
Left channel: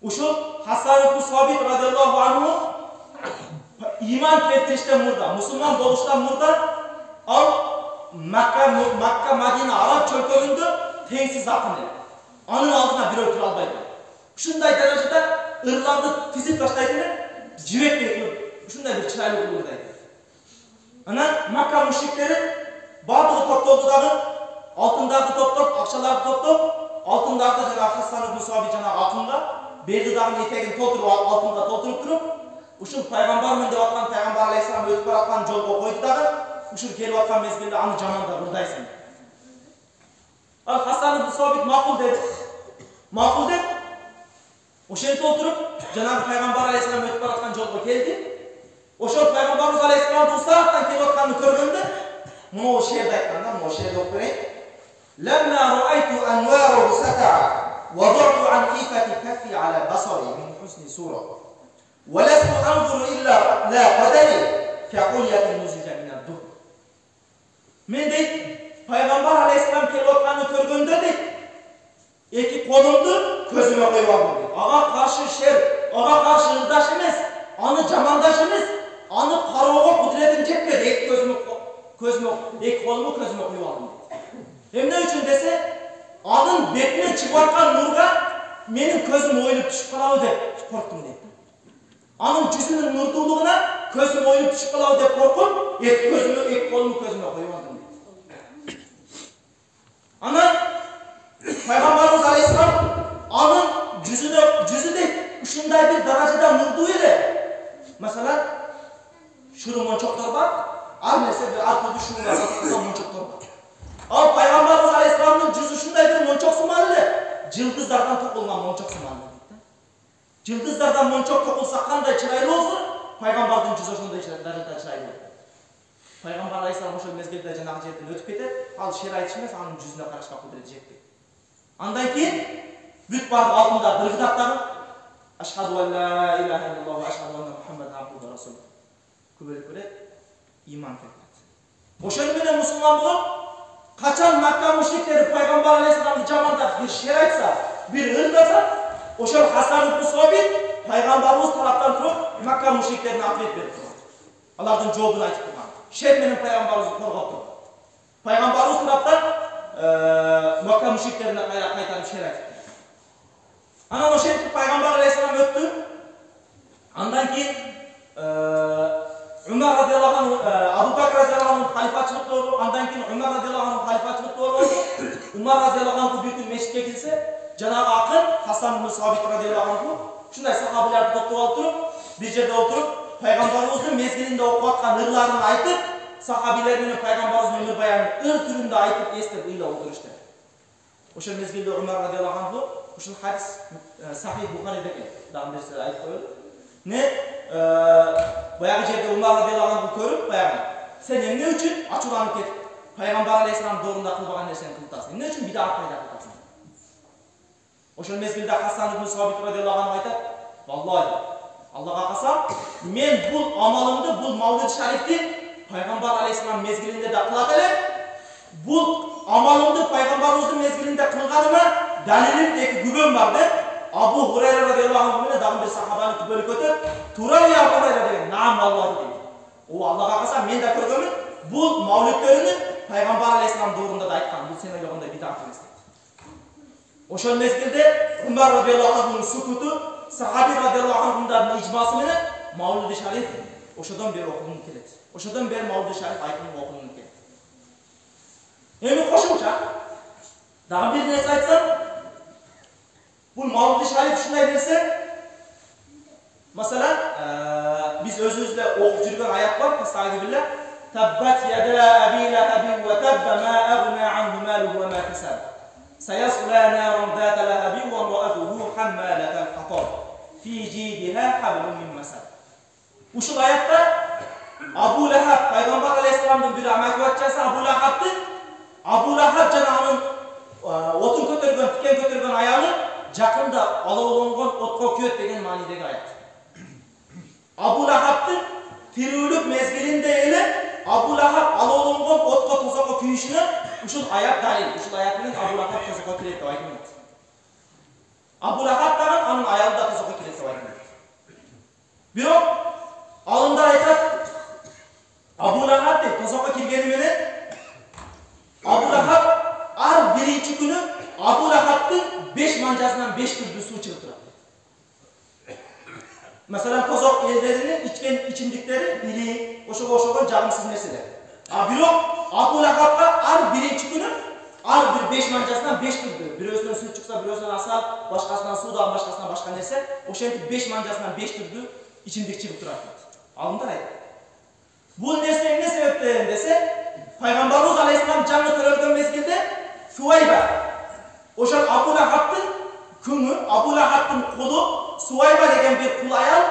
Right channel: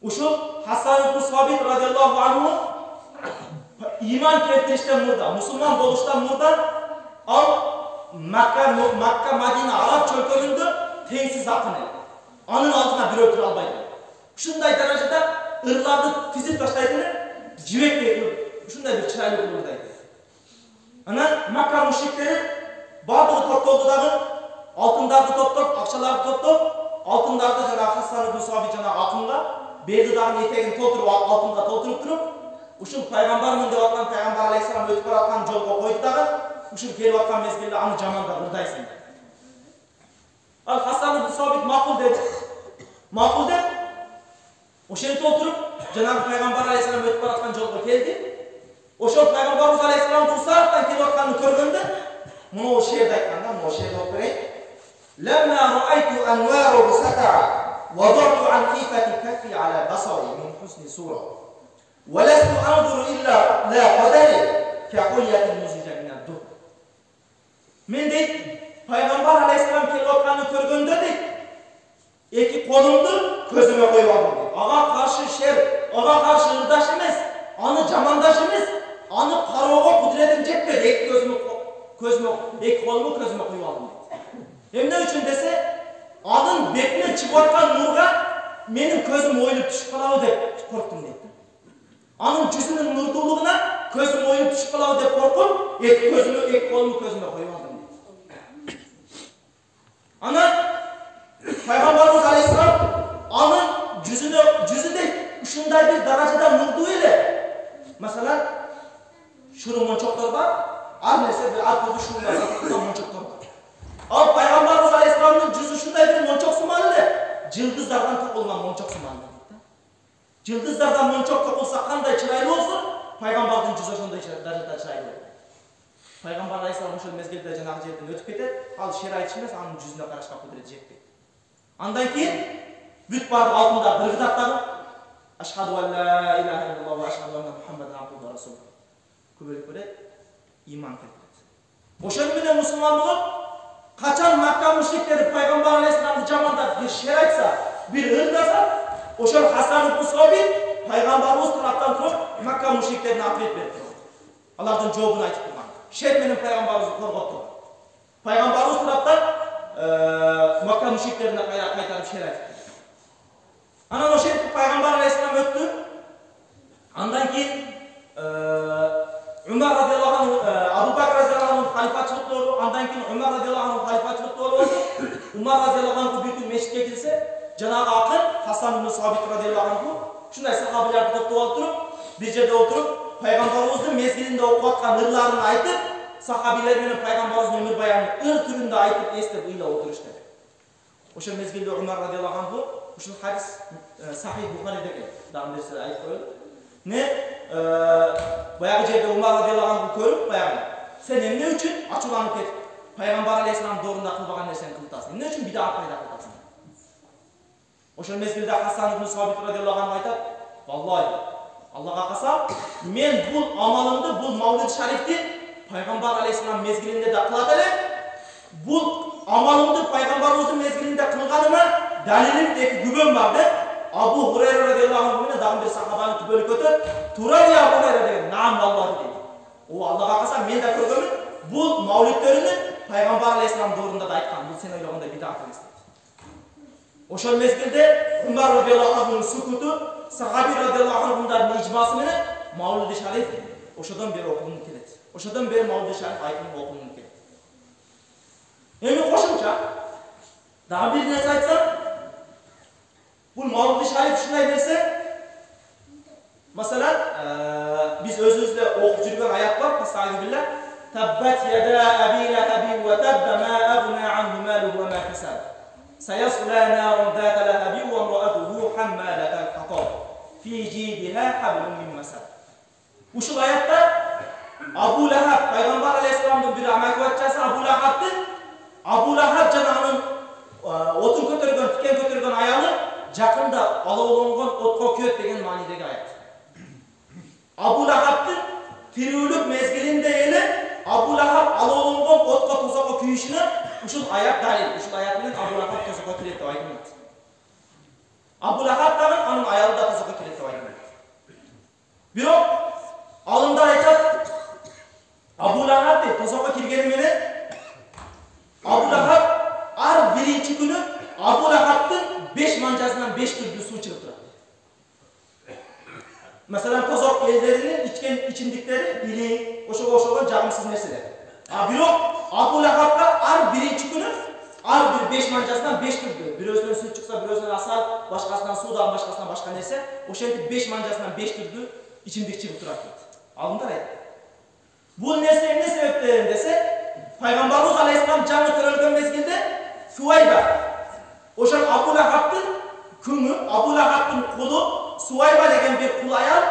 Uşul Hasan ibn Sabit radıyallahu anh'ın iman keltirişten murda, Müslüman boluştan murda al Makka Madina Arap çölköründü tengsiz akını. Anın altına bir ötür albaydı. Şunday derecede ırlardı tizip taştaydı, civek bekliyor. Şunday bir çıraylı bulurdaydı. Ana Makka müşrikleri bardığı toptolduдағы altındardı toptop, akçalardı toptop, altındardı jana Hasan ibn Sabit jana akınga, berdi dağın etegin tolturup altınga tolturup turup, uşul paygambarmın деп atkan Peygamber aleyhisselam ötüp baratkan jolga koydu dağı, uşul kelip atkan mezgilde anı jamanda burdaysın. Al Hasan ibn Sabit makul dedi. Makul dedi. Oşenti oturup Cenab-ı Peygamber aleyhisselam ötüp baratkan jolga keldi. Oşol Peygamberimiz aleyhisselam bu saatten kelip atkanını körgöndü. Bunu o şehirde aytkandan, bunu o şehirde okuyayım. Lemma ra'aytu anvaru sata'a وضعت عن خيفة كفي على بصري من حسن صورة ولست أنظر إلا لا قدري كقلية نزج من الدهر. Men deydi, Peygamber aleyhisselam kelip atkanını körgöndü deydi. Eki kolumdu közüme koyup aldım deydi. Ağa karşı şer, ağa karşı ırdaş emez, anı jamandaş emez, anı karooga kudretim jetmedi. Eki kolumu közüme koyup aldım deydi. Emne üçün dese, anın betinden çıkıp atkan nurga menin közüm oyulup düşüp kalabı dep korktum deydi. Anın yüzünün nurduluğuna közüm oyulup düşüp kalabı dep korkup, eki kolumu közüme koyup aldım deydi. Ana Peygamberimiz aleyhisselam anın yüzü de şunday bir derecede nurdu ile. Mesela şurun monçoklar var, al neyse bir arkada şunun var, monçoklar var. Al Peygamberimiz aleyhisselamın yüzü şunday bir monçok sımalı ile, cıldızlardan tokulgan monçok sımalı deydi. Cıldızlardan monçok tokulsa kanday çıraylı olsa, Peygamber'in yüzü şunday derecede çıraylı olur. Peygamber aleyhisselam ошол mezgilde janagı жерден ötüp кетет, ал шер айтышмас, анын жүзүнө карашка кудрети жетпейт. Андан кийин бүт бардык алтында дыргыдактагы ашхаду ан ла илаха иллаллах ва ашхаду анна мухаммадан абдуху ва расулух көбөлүп берет, иман келтирет. Ошону менен мусулман болуп, качан Макка мушриктери Peygamber aleyhisselamды жамандап бир шер айтса, бир ырдаса, ошол Хасан ибн Sabit Peygamberimiz тараптан туруп Макка мушриктерине ответ берип турган. Алардын жообун айтып турган. Şer menin Peygamberimizi korgap turgan. Peygamberimiz taraftan Makka müşriklerine kaytarıp şer aytып. Anan o şer Peygamber aleyhisselam öttü. Andan keyin Ömer radıyallahu anh, Abu Bakr radıyallahu anh halifaçılık doğru. Andan keyin Ömer radıyallahu anh halifaçılık doğru oldu. Ömer radıyallahu anh bir gün meşitke girse, Cenab-ı Akın Hasan ibn Sabit radıyallahu anh şunday sahabilerdi toplup alıp durup, bir yerde oturup Peygamberimizin mezgilinde okuyatkan ırlarını aytıp, sahabiler menен Peygamberimizin ömür bayanını ır türünde aytıp estep ıyla oturuştu. Oşul mezgilde Ömer radıyallahu anh oşul hadis Sahih Bukhari'de keldi. Dağın derslerde aytıp koyuldu. Ne? Bayağı jerde Ömer radıyallahu anh körüp bayağı sen emne üçün açulanıp ketip Peygamber aleyhisselam doğrunda kılbagan nerseni kıltasın. Emne üçün bid'at payda kıltasın. Oşul mezgilde Hasan ibn Sabit radıyallahu anh aytат, vallahi Allah'a kasam, men bul amalımdı, bul Mavlid Şarif'ti Peygamber aleyhisselam mezgilinde de kılat ele, bul amalımdı Peygamberimizin mezgilinde kılganıma dalilim eki gübön vardı. Abu Hureyre radıyallahu anh'ın dağın bir sahabanı tübölü kötü, Turar ya Abu Hureyre dedi, naam vallahi dedi. O Allah'a kasam, men de körgümün, bul Mavlidlerini Peygamber aleyhisselam doğrunda da aytkan, bul sen öyle onda bid'at emez dedi. Ошол мезгилде Умар радиаллаху анхунун сукуту, сахаби радиаллаху анхундардын ижмасы менен Маулиди шариф ошодон бери окулунуп келет. Ошодон бери Маулиди шариф айтылып окулунуп келет. Эми кошумча дагы бир нерсе айтсам, бул Маулиди шариф ушундай нерсе. Masalan, biz özümüzle okuyup жүргөн ayat var. Estağfirullah. Tabbat yada abi lahabi ve tabba ma aghna anhu maluhu ve ma kasab. Sayasla narun zata lahabi ve imra'atuhu hammalatal hatab. Fi jidiha hablum min masad. Uşul ayatda Abu Lahab Peygamber Aleyhisselam'ın bir amakvatçası Abu Lahab janağının otun kötürgön, tiken kötürgön ayalı jakında alovlangan otko köt degen manidagi ayat. Abu Lahab'ın tirүүлük mezgilinde ele Abu Lahab alovlangan otko tozoko kүйüşünü uşul ayat dalil. Uşul ayat bilen Abu Lahab tozoko kiret dep aytылат. Abu Lahab dagы анын аялы да тозoko kiret dep aytылат. Бирок алымдар айтат, Abu Lahab деп тозoko киргени менен Abu Lahab ар биринчи күнү Abu Lahab'ın 5 manjasынан 5 türlü su çıkıp turат. Mesela tozok ellerinin içken içindikleri biri, oşoğa жағымсыз нерселер. Бирок Abu Lahab'ga ар биринчи күнү ар бир 5 manjasынан 5 türlü. Бирөөсүнөн суу чыкса, бирөөсүнөн асал, башкасынан суу дагы башкасынан башка нерсе, ошентип 5 manjasынан 5 türlü içimдик чыгып турат дейт. Алымдар айтат. Бул нерсе эмне себептен десе, Пайгамбарыбыз алейхиссалам жаңы төрөлгөн мезгилде Суайба ошол Abu Lahab'ın күңү, Abu Lahab'ın кулу Суайба деген bir кул аял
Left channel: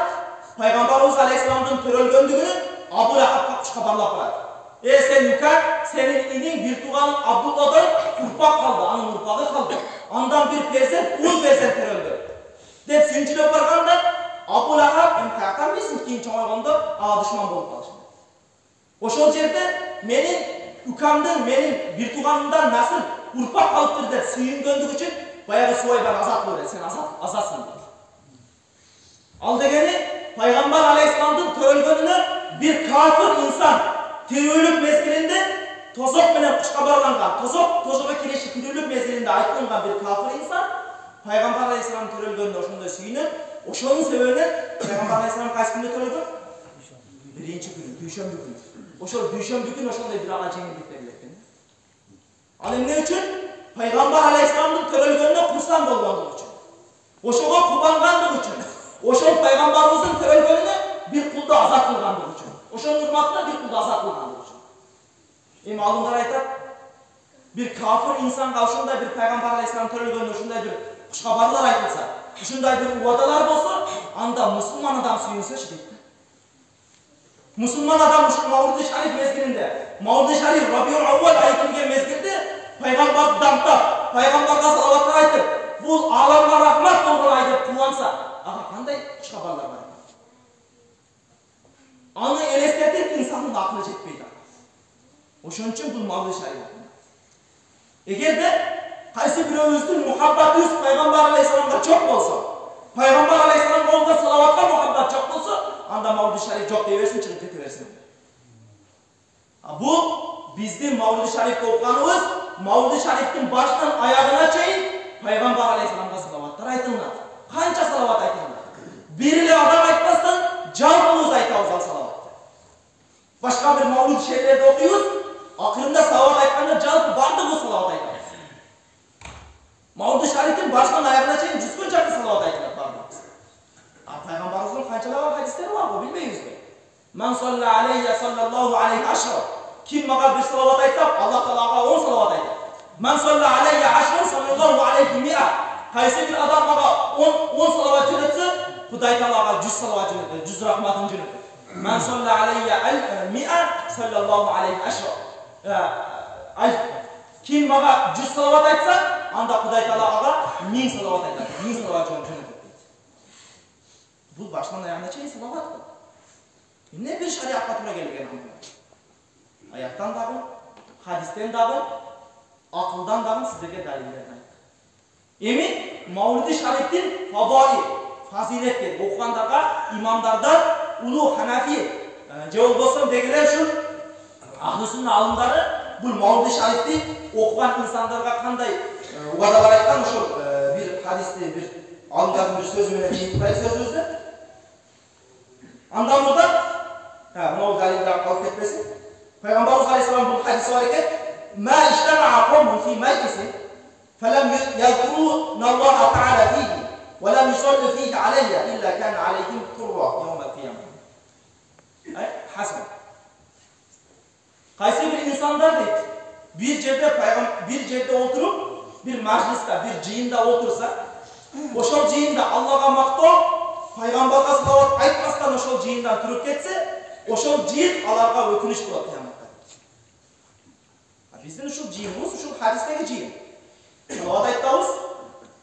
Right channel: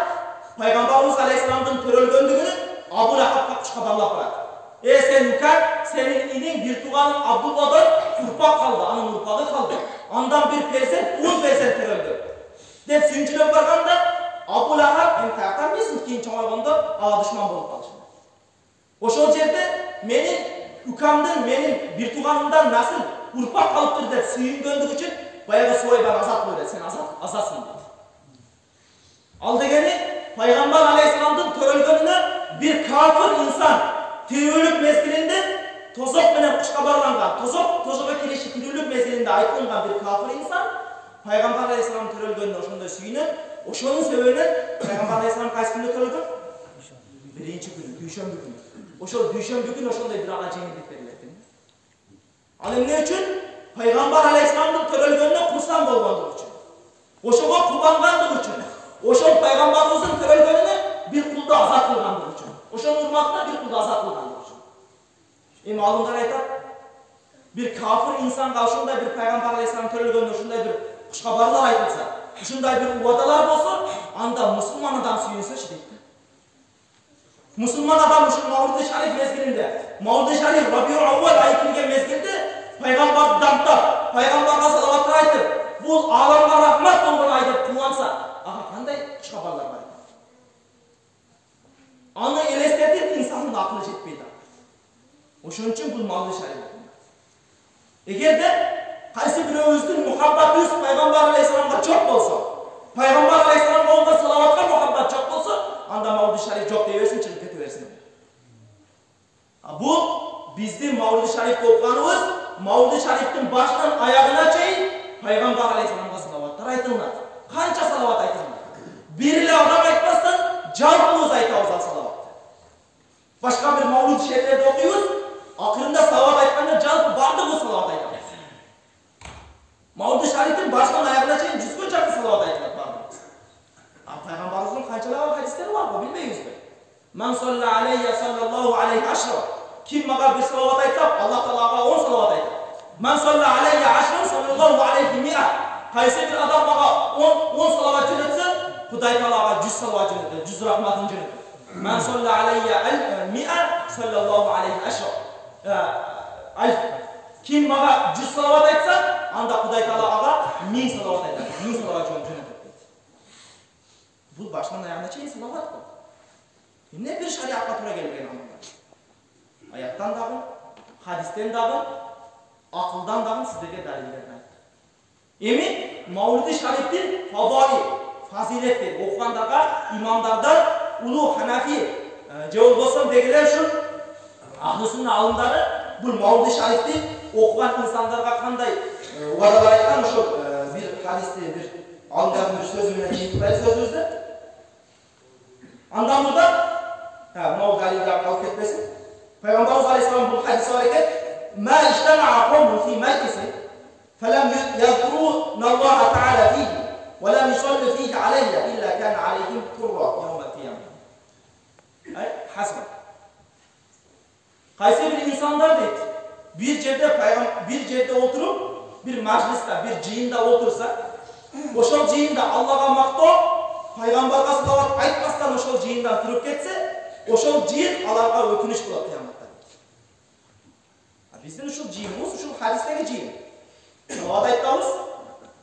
Пайгамбарыбыз алейхиссаламдын төрөлгөндүгүнү Abu Lahab'га куш кабарлап барат. Sen Ükak, senin inin bir tuğanın Abdullah'dan urpak kaldı, anın urpağı kaldı. Andan bir persent, 10 persent töröldü. Dep sүйүнчүлөп барганда Abu Lahab hem kayaktan bilsin keyin çoğayganda düşman bolup kalışında. Oşol жерде menin Ükam'dan, menin bir tuğanımdan nasıl urpak kalıptır dep sүйүнгөндүк үчүн баягы Суайбаны азат кылып, sen azatsın dedi. Al degeni Peygamber Aleyhisselam'ın törölgönüne bir kafir insan tirүүлük mezgilinde tozok menen kuşka bağlangan, tozoga kirişi tirүүлük mezgilinde aytılgan bir kafir insan Peygamber Aleyhisselam'ın törölgönüne oşondoy sүйүнөт. Oşonun sebebinен Peygamber Aleyhisselam kayсы күндө törölgөн? Birinci günü, düşönbü günü. Oşol düşönbü günü oşondoy bir ağa жеңилдик берилет. Al emne üçün? Peygamber Aleyhisselam'ın törölgönüne kursan bolgandyk üçün. Oşoga kubangandyk üçün. Oşol Peygamberimizin törölgönüne bir kulda azat kılgandyk üçün. Oşonun hurmatına bir kulda azat kılgandyk üçün. Em alımдар aytat, bir kafir insanга ошондой bir Peygamber Aleyhisselam törölgönүнө ушундай bir кушкабарлар айтылса, ушундай bir убадалар болсо, анда мусулман адам сүйүнсөчү дейт. Мусулман адам ушул Маулиди шариф мезгилинде, Маулиди шариф Рабиул Аввал айы келген мезгилде Пайгамбарды дамтап, Пайгамбарга салаваттар айтып, бул аламга рахмат болгон ай деп кубанса, ага кандай кушкабарлар бар экен. Аны элестетип инсандын акылы жетпейт. Ошон үчүн бул Маулиди шариф. Эгерде кайсы бирөөбүздүн мухаббатыбыз Пайгамбар Алейхиссаламга жок болсо, Пайгамбар Алейхиссаламга болгон салаватка мухаббат жок болсо, анда Маулиди шариф жок дей берсин, чыгып кете берсин. Бул биздин Маулиди шарифти окуганыбыз, Маулиди шарифтин башынан аягына чейин Пайгамбар Алейхиссаламга салаваттар айтылат. Канча салават айтылат? Бир эле адам айтпастан жалпыбыз айтабыз ал салаватты. Башка бир Маулиди шерифтерди окуйбуз, акырында салават айтканда жалпы бардыгыбыз салават айтабыз. Маулиди шарифтин башынан аягына чейин 100га жакын салават айтылат бардыгыбыз. Пайгамбарыбыздын канчалаган хадистери бар го билбейбизби? Ман салла алейя саллаллаху алейхи ашра. Kim mага bir salavat aytsa, Allah Taalaga 10 salavat aytadi. Man salla alayya 10 sallallahu alayhi mi'a. Qaysi bir adam mага 10 salavat jo'natsa, Xudoy Taalaga 100 salavat jo'natadi, 100 rahmatini jo'natadi. Man salla alayya 100 sallallahu alayhi ashra. Kim mага 100 salavat aytsa, anda Xudoy Taalaga 1000 salavat aytadi, 1000 salavat jo'natadi. Bu başdan ayağına çeyin salavat bu. Ne bir şariatga to'g'ri kelgan amallar. Ayattan dagı, hadisten dagı, akıldan dagı sizlerge dalillerini ayttık. Emi Maulidi şariftin fadai, fazilettir. Okugandarga imamlardan Ulu Hanafi je bolbosam degiler şu ahli sünnet alımdары bu Maulidi şarifti okugan insanlarga kanday vadalar aytkan, şu hadisте bir alımdардың bir sözü менен жыйынтпай сөзүбүздү. Андан мурда мынау далилди алып кетпесин. Пайгамбарыбыз алейхиссалам бул хадис бар экен. Ма иштамаа кавмун фи majlisin فلم يذكروا الله تعالى فيه ولم يصلوا فيه علي إلا كان عليهم طرة يوم القيامة. Ay hasb. Qaysi bir insanlar deydi. Bir yerde oturup bir majliste, bir jıyında otursa, oşol jıyında Allah'a maktoo, Peygamberga salavat aytmasdan oşol jıyından turip ketse, oşol jıyın alarga ökünüş bolat kıyamatта. Биздин ушул жыйыныбыз ушул хадистеги жыйын. Салават айтабыз,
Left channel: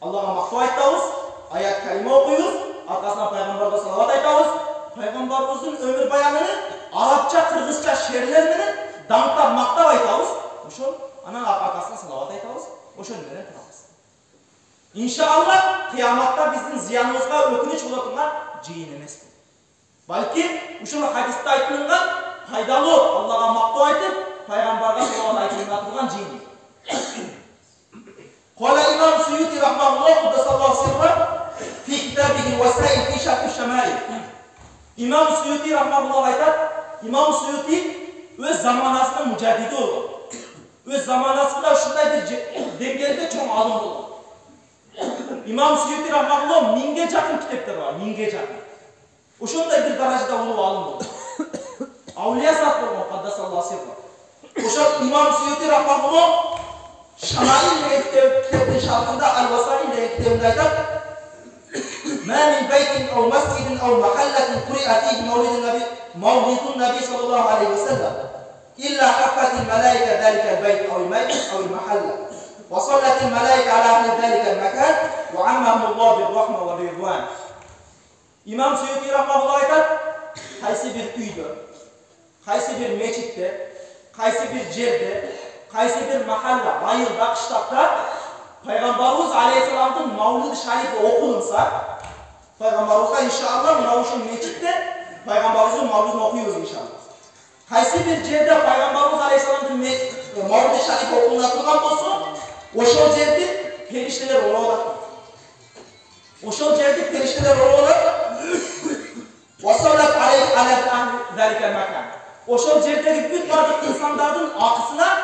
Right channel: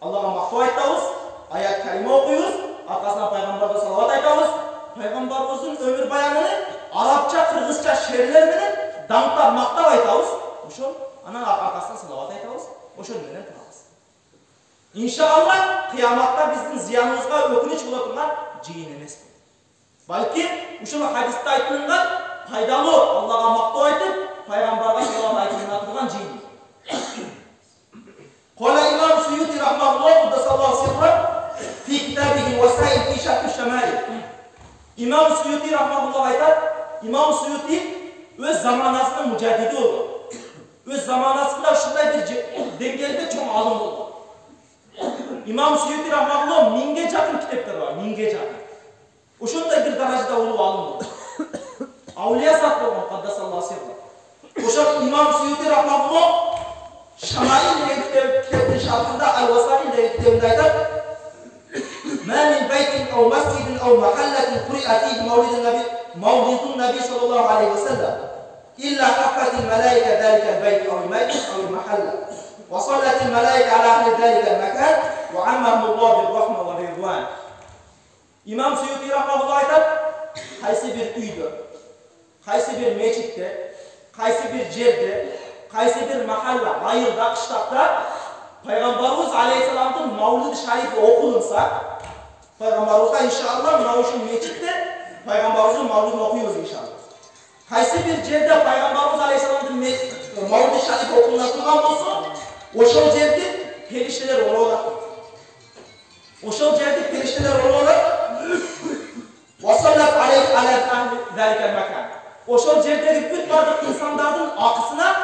Аллага мактоо айтабыз, аят калима окуйбуз, аркасынан пайгамбарга салават айтабыз. Пайгамбарыбыздын өмүр баянын арабча, кыргызча шерлер менен даңктап мактап айтабыз. Ошол анан аркасынан салават айтабыз. Ошол менен турабыз. Иншалла кыяматта биздин зыяныбызга өкүнүч боло турган жыйын эмес бул. Балки ушул хадисте айтылган пайдалуу Аллага мактоо айтып, пайгамбарга салават айтылган турган жыйын. قال الإمام السيوطي رحمه الله قدس الله سره في كتابه وسائل في شرح الشمائل. İmam Suyuti rahmetullah aytar. İmam Suyuti öz zamanasının mücaddidi oldu. Öz zamanasında şunday bir dengelde çok alım oldu. İmam Suyuti rahmetullah 1000'ge jakın kitaplar var. 1000'ge jakın. Oşunday bir darajada olup alım oldu. Avliya zat bolgan qaddasallahu sirra. Oşa İmam Suyuti rahmetullah Şamail degan kitapning sharhida Al-Wasail degan kitobida aytadi. Ma min baytin aw masjidin aw mahallatin quri'a fihi mawlidun nabiy sallallahu alayhi wa sallam illa haqqatil malaika zalika al-bayt aw al-masjid aw al-mahalla wa sallatil malaika ala ahli zalika al-makan wa ammahumullah bir-rahma wa ridwan. İmam Suyuti rahmetullah aytadi, qaysi bir uyda, qaysi bir mechitde, qaysi bir jerde, qaysi bir mahalla, ayılda, qishloqda Peygamberimiz Aleyhisselam'ın Mavlid-i Şerifi okunsa, Peygamberimizga inşallah mana şu meçitte Peygamberimizin Mavlidini okuyuyoruz inşallah. Qaysi bir yerde Peygamberimiz Aleyhisselam'ın Mavlid-i Şerifi okunatılgan bolsa, oşol yerde perişteler olurlar. Oşol yerde perişteler olurlar. Vasallat aleyh ahli zalikel makan. Oşol yerdeki bütün bardık insanların akısına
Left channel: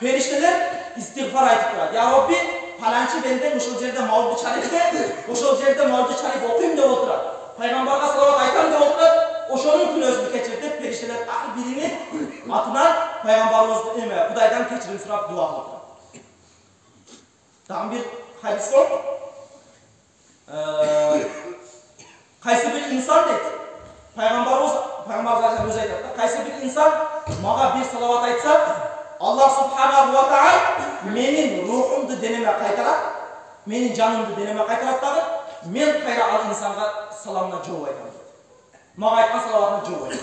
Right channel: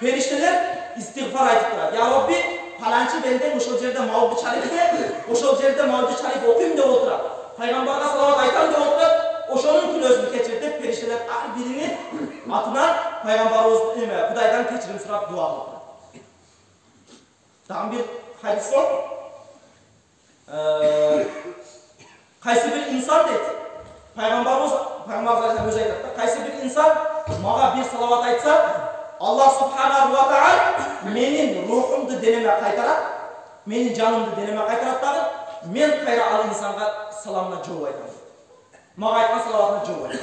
perişteler istiğfar aytıp duradi. Ya Rabbi, falanchi benden oşol yerde Mavlid-i Şerif'te, oşol yerde Mavlid-i Şerif okuyum deb oturadi. Peygamberga salavat aytam deb oturadi. Oşonun kun özünü keçirtip perişteler har birini atынан Peygamberimiz Kudaydan kechirim surap dua qilib turadi. Dağın bir hadis var. Qaysi bir insan deydi. Peygamberimiz Aleyhisselam özü aytadi. Qaysi bir insan maga bir salavat aytsa, Allah subhanahu wa ta'ala menin ruhumdu deneme qaytarat, menin canımdı deneme qaytarat dagı, men qayra al insanga salamına jawab aytaman. Maga aytgan salavatına jawab aytaman.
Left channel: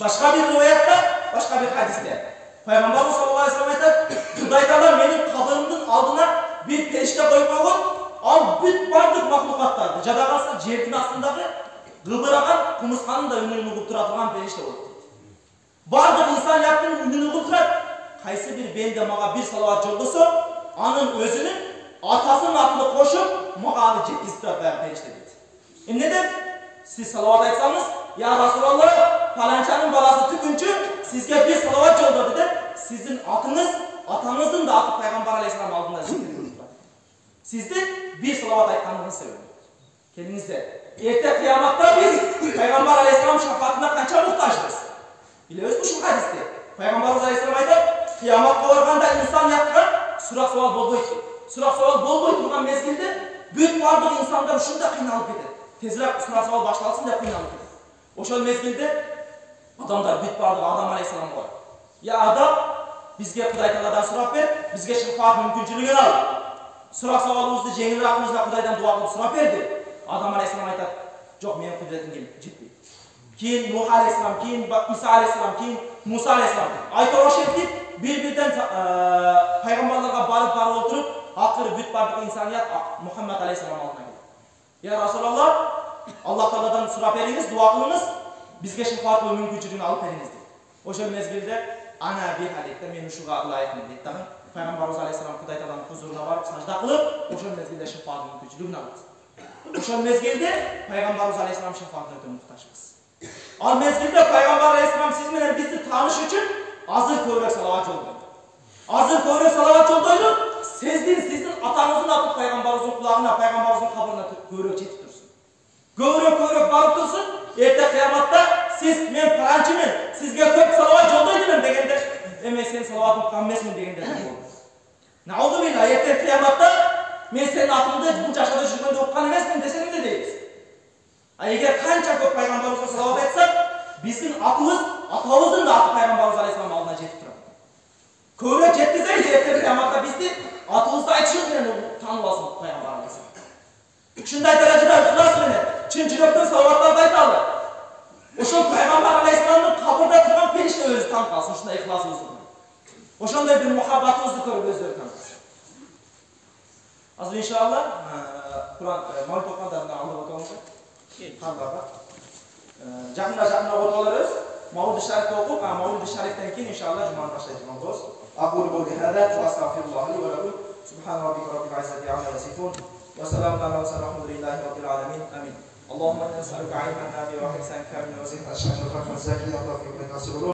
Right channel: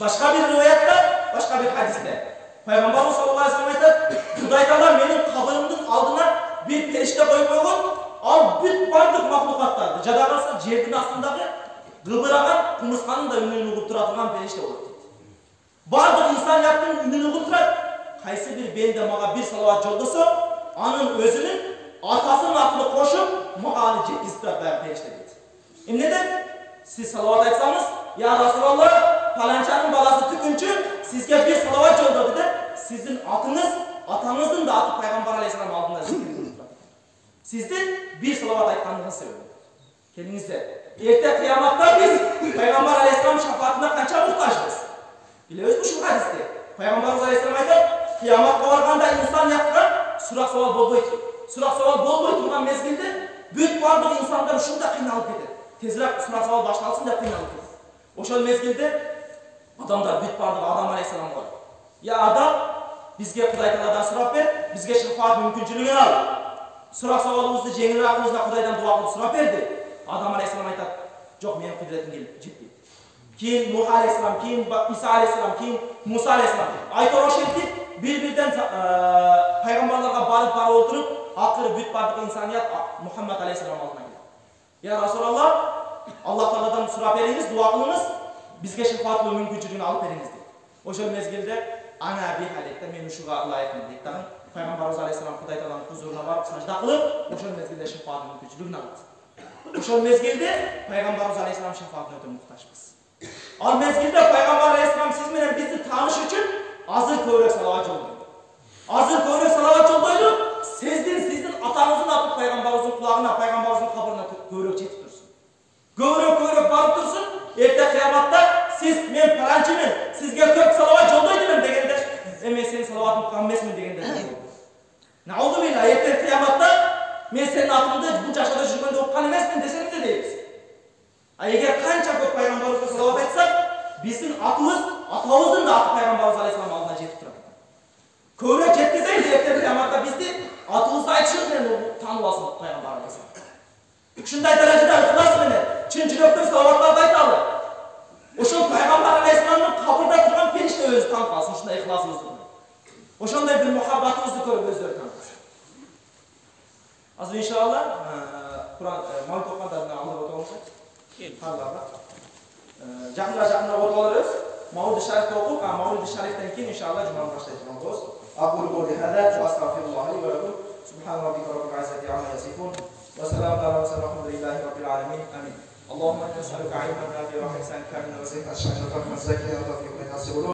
Başka bir rivayatta, başka bir hadiste Peygamberimiz sallallahu aleyhi ve sellem aytadi, Xuday taala menin kabırımdın aldına bir perişte koyup koygun, al büt bardık mahlukatlardı. Jada kalsa жердин астындагы gıbıragan kumurskanın da ününü uğup turatılgan perişte olur. Bardık insan yaptığın ününü uğup turat. Qaysi bir bende maga bir salavat joldoso, anın özünün atasının atını koşup maga anı jetkizip turat bayan perişte deydi. Neden? Siz salavat aytsanız, ya Resulallah, falançanın balası tükünçü sizge bir salavat joldadı der. Sizin atınız, atanızın da atı Peygamber Aleyhisselam aldığında zikir kılıp turat. Sizde bir salavat aytkanlığınız sebebi. Kendinizde. Erte kıyamatta biz Peygamber Aleyhisselam şefaatine kança muhtaçız. Biliyoruz bu şu hadiste. Peygamberimiz Aleyhisselam aytadi, kıyamatga barganda insan yaptıran surak savol bolboyt. Surak savol bolboyt turgan mezgilde büt bardık insanlar uşunda kıynalıp ketedi. Tezirek surak savol başlansın dep kıynalıp ketedi. Oşol mezgilde adamlar büt bardık Adam Aleyhisselam'a var. Ya Adam, bizge Kuday Taala'dan surap ber, bizge şefaat mümkünçülüğünü al. Surak savolumuzdu jеңилирээк кылышына Kudaydan dua kılıp surap berdi. Adam Aleyhisselam aytadi, "Jo'q, mening qudretim жетпейт." Keyin Nuh Aleyhisselam, keyin İsa Aleyhisselam, keyin Musa Aleyhisselam aytar oşetip bir-birden peygamberlarga barıp oturup, akırı büt bardık insaniyat Muhammed Aleyhisselam aldına geldi. Ya Resulallah, Allah Taala'dan surap beriniz, dua kılınız, bizge şefaat mümkünçülüğünü alıp beriniz dedi. Oşol mezgilde ana bir halikte men uşuga layıkmın deydi. Пайғамбарымыз алейхиссалам Құдай Тағаланың huzuruna барып сажда қылып, ошол мезгилде шафаат мүмкүнчүлүгүн алат. Ошол мезгилде Пайғамбарымыз алейхиссалам шафаатына өтө муктажбыз. Ал мезгилде Пайғамбар алейхиссалам сиз менен бизди тааныш үчүн азыр көбүрөөк салават жолдойт. Азыр көбүрөөк салават жолдойлу, сиздин атаңыздын аты Пайғамбарыбыздын кулагына, Пайғамбарыбыздын кабырына көбүрөөк жетип турсун. Көбүрөөк барып турсун. Эрте кыяматта сиз мен паранчымын, сизге көп салават жолдойт элем дегенде, мен сенин салаватың уккан эмесмин дегенде да болот. Наузу билла, эрте кыяматта мен сенин атыңды бул жашада жүргөндө уккан эмесмин десең де дейбиз. А эгер канча көп пайгамбарыбызга салават айтсак, биздин атабыздын да аты пайгамбарыбыз алейхиссалам алдына жетип турат. Көбүрөөк жеткизейли, эрте кыяматта бизди атыбызды айтышыбыз менен таанып алсын пайгамбар алейхиссалам. Ушундай даражада ыхлас менен чын жүрөктөн салаваттарды айталы. Ошол пайгамбар алейхиссаламдын кабырда турган периште өзү таанып калсын, ушундай ыхласыбызды көрүп. Ошондой бир мухаббатыбызды көрүп өздөрү таанып калсын. Азыр иншалла Куран маулид окугандардан алдап отурмузбу? Кандайга? Жакында окуп алабыз. Маулид шарифти окуп, маулид шарифтен кийин иншалла жуманы баштайбыз. Aqulu qawli hada wa astaghfirullah li wa lakum. Subhan rabbika rabbil izzati amma yasifun. Wa salamun ala mursalin walhamdulillahi rabbil alamin. Amin. اللهم إنا نسألك علما نافعا وحفظا كاملا ورزقا شافيا وقلبا زاكيا وتوفيقا ناصرا